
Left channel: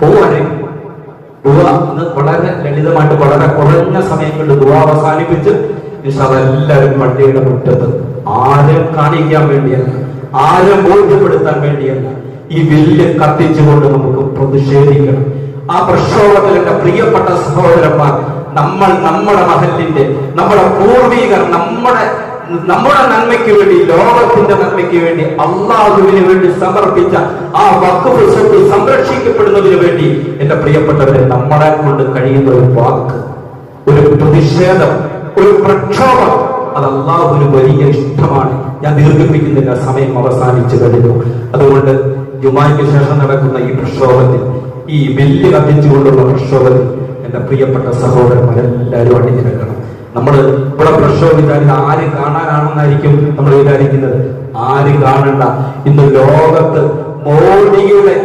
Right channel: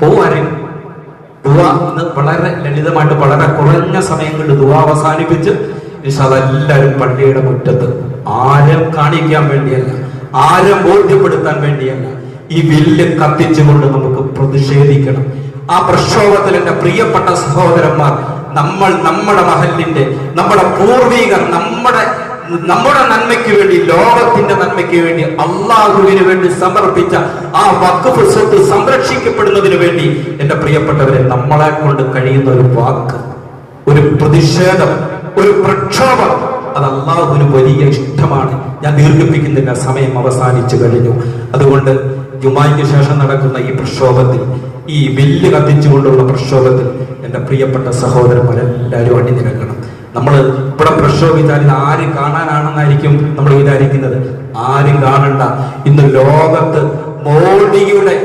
പോവാനും ദുആ ഇന്ന് വളരെ ലളിതമായിട്ട് വളരെ കുറഞ്ഞ സമയം കൊണ്ട് ദുആ അവസാനിപ്പിച്ച് അതെല്ലാവരും പള്ളിയുടെ മുറ്റത്ത്, ആരും കാണിക്കാൻ വേണ്ടിയല്ല, ആരും ബോധ്യപ്പെടുത്താൻ വേണ്ടിയല്ല, ഈ വില്ല് കത്തിച്ചുകൊണ്ട് നമുക്ക് പ്രതിഷേധിക്കണം. ആ പ്രക്ഷോഭത്തിൽ എന്റെ പ്രിയപ്പെട്ട സഹോദരന്മാർ, നമ്മൾ നമ്മുടെ മഹലിന്റെ, നമ്മുടെ പൂർവികർ നമ്മുടെ നന്മയ്ക്ക് വേണ്ടി, ലോകത്തിന്റെ നന്മയ്ക്ക് വേണ്ടി, അള്ളാഹുവിന് വേണ്ടി സമർപ്പിച്ച ആ വഖഫ് സ്വത്ത് സംരക്ഷിക്കപ്പെടുന്നതിന് വേണ്ടി എന്റെ പ്രിയപ്പെട്ടവരെ, നമ്മളെ കൊണ്ട് കഴിയുന്ന ഒരു വാക്ക്, ഒരു പ്രതിഷേധം, ഒരു പ്രക്ഷോഭം, അത് അള്ളാഹുവിന് വലിയ ഇഷ്ടമാണ്. ഞാൻ ദീർഘിപ്പിക്കുന്നില്ല, സമയം അവസാനിച്ചു കഴിഞ്ഞു. അതുകൊണ്ട് ജുമായ്ക്ക് ശേഷം നടക്കുന്ന ഈ പ്രക്ഷോഭത്തിൽ, ഈ വില്ല് കത്തിച്ചുകൊണ്ടുള്ള പ്രക്ഷോഭത്തിൽ എന്റെ പ്രിയപ്പെട്ട സഹോദരന്മാരെല്ലാവരും അണിനിരക്കണം. നമ്മൾ ഇവിടെ പ്രക്ഷോഭിച്ചാൽ ഇത് ആരും കാണാനാണെന്നായിരിക്കും നമ്മൾ വിചാരിക്കുന്നത്. ആരും കാണണ്ട. ഇന്ന് ലോകത്ത് മോഡിയുടെ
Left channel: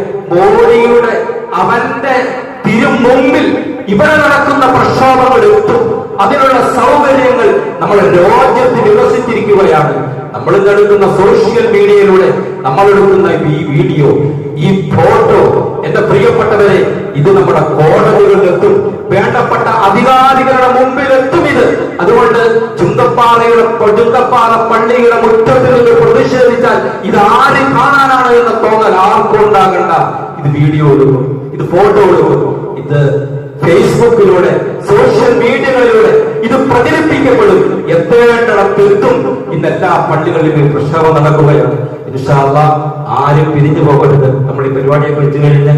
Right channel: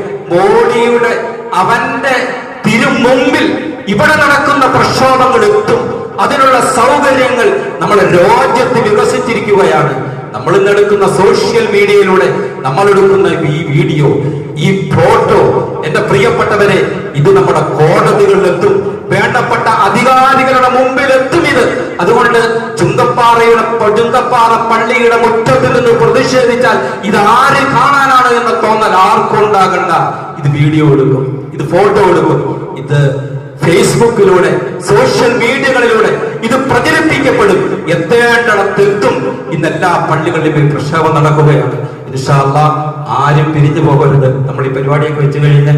അവന്റെ തിരുമുമ്പിൽ ഇവിടെ നടക്കുന്ന പ്രക്ഷോഭങ്ങൾ എത്തും. അതിനുള്ള സൗകര്യങ്ങൾ നമ്മുടെ രാജ്യത്ത് വികസിച്ചിരിക്കുകയാണ്. നമ്മൾ ഇന്ന് എടുക്കുന്ന സോഷ്യൽ മീഡിയയിലൂടെ നമ്മൾ എടുക്കുന്ന ഈ വീഡിയോ, ഈ ഫോട്ടോ, എന്റെ പ്രിയപ്പെട്ടവരെ, ഇത് നമ്മുടെ കോടതികളിലെത്തും, വേണ്ടപ്പെട്ട അധികാരികളുടെ മുമ്പിൽ എത്തും ഇത്. അതുകൊണ്ട് ചുങ്കപ്പാറ പള്ളിയുടെ മുറ്റത്ത് നിന്ന് പ്രതിഷേധിച്ചാൽ ഇത് ആര് കാണാനാണ് എന്ന തോന്നൽ ആർക്കും ഉണ്ടാകണ്ട. ഇത് വീഡിയോ എടുക്കും, ഇത് ഫോട്ടോ എടുക്കും, ഇത് ഫേസ്ബുക്കിലൂടെ, സോഷ്യൽ മീഡിയകളിലൂടെ ഇത് പ്രചരിപ്പിക്കപ്പെടും, എത്തേണ്ടിടത്തെത്തും. ഇന്നെല്ലാ പള്ളികളിലും പ്രക്ഷോഭം നടക്കുകയാണ്. ഇൻഷാ അല്ലാഹ് ആരും പിരിഞ്ഞു പോകരുത്. നമ്മൾ ഈ പരിപാടിയൊക്കെ വെച്ച് കഴിഞ്ഞ്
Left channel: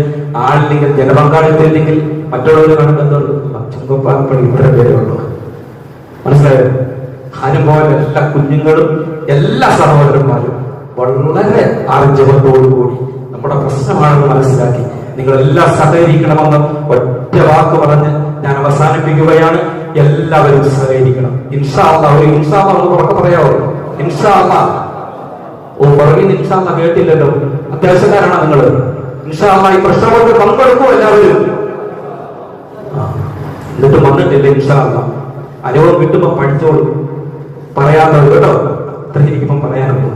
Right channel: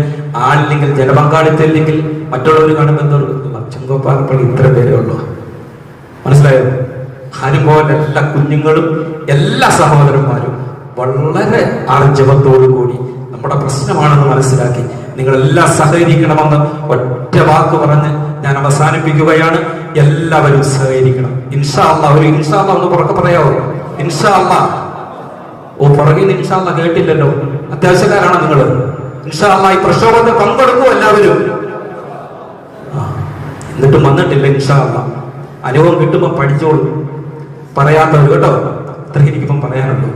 ആളില്ലെങ്കിൽ, ജനപങ്കാളിത്തം ഇല്ലെങ്കിൽ മറ്റുള്ളവർ കാണുമ്പോൾ ചുങ്കപ്പാറപ്പള്ളി ഇത്ര പേരേ ഉള്ളൂ. മനസ്സിലായോ? ഹനുമോന്റെ എല്ലാ കുഞ്ഞുങ്ങളും എല്ലാ സഹോദരന്മാരും വളരെ ആർജവത്തോടുകൂടി നമ്മുടെ പ്രശ്നമാണെന്ന് മനസ്സിലാക്കി നിങ്ങളെല്ലാം സഹകരിക്കണമെന്ന് ഒറ്റ വാക്ക് പറഞ്ഞ് ഞാൻ അവസാനിപ്പിക്കുകയാണ്. എല്ലാവരും സഹകരിക്കണം. ഇൻഷാ അല്ലാഹ്. ഒരു ഇൻഷാ അല്ലാഹ് ഒന്ന് പുറത്ത് പറയാവോ? ഇൻഷാ അല്ലാഹ്. പുറകിൽ ഇൻഷാ അല്ലാഹ് കേട്ടില്ലല്ലോ. അത്യാവശ്യക്കാരാണ് നിങ്ങൾ. ഇൻഷാ അല്ലാഹ് ഈ പ്രക്ഷോഭത്തിൽ പങ്കെടുക്കും എല്ലാവരും. എന്നിട്ടും വന്നിട്ടില്ല. ഇൻഷാ അല്ലാഹ് അനുഭവം കിട്ടുമ്പോ പഠിച്ചോളൂ. പറയാത്തത് കേട്ടോ. അത്രയ്ക്ക് എനിക്കിപ്പം പറയാനുള്ളൂ.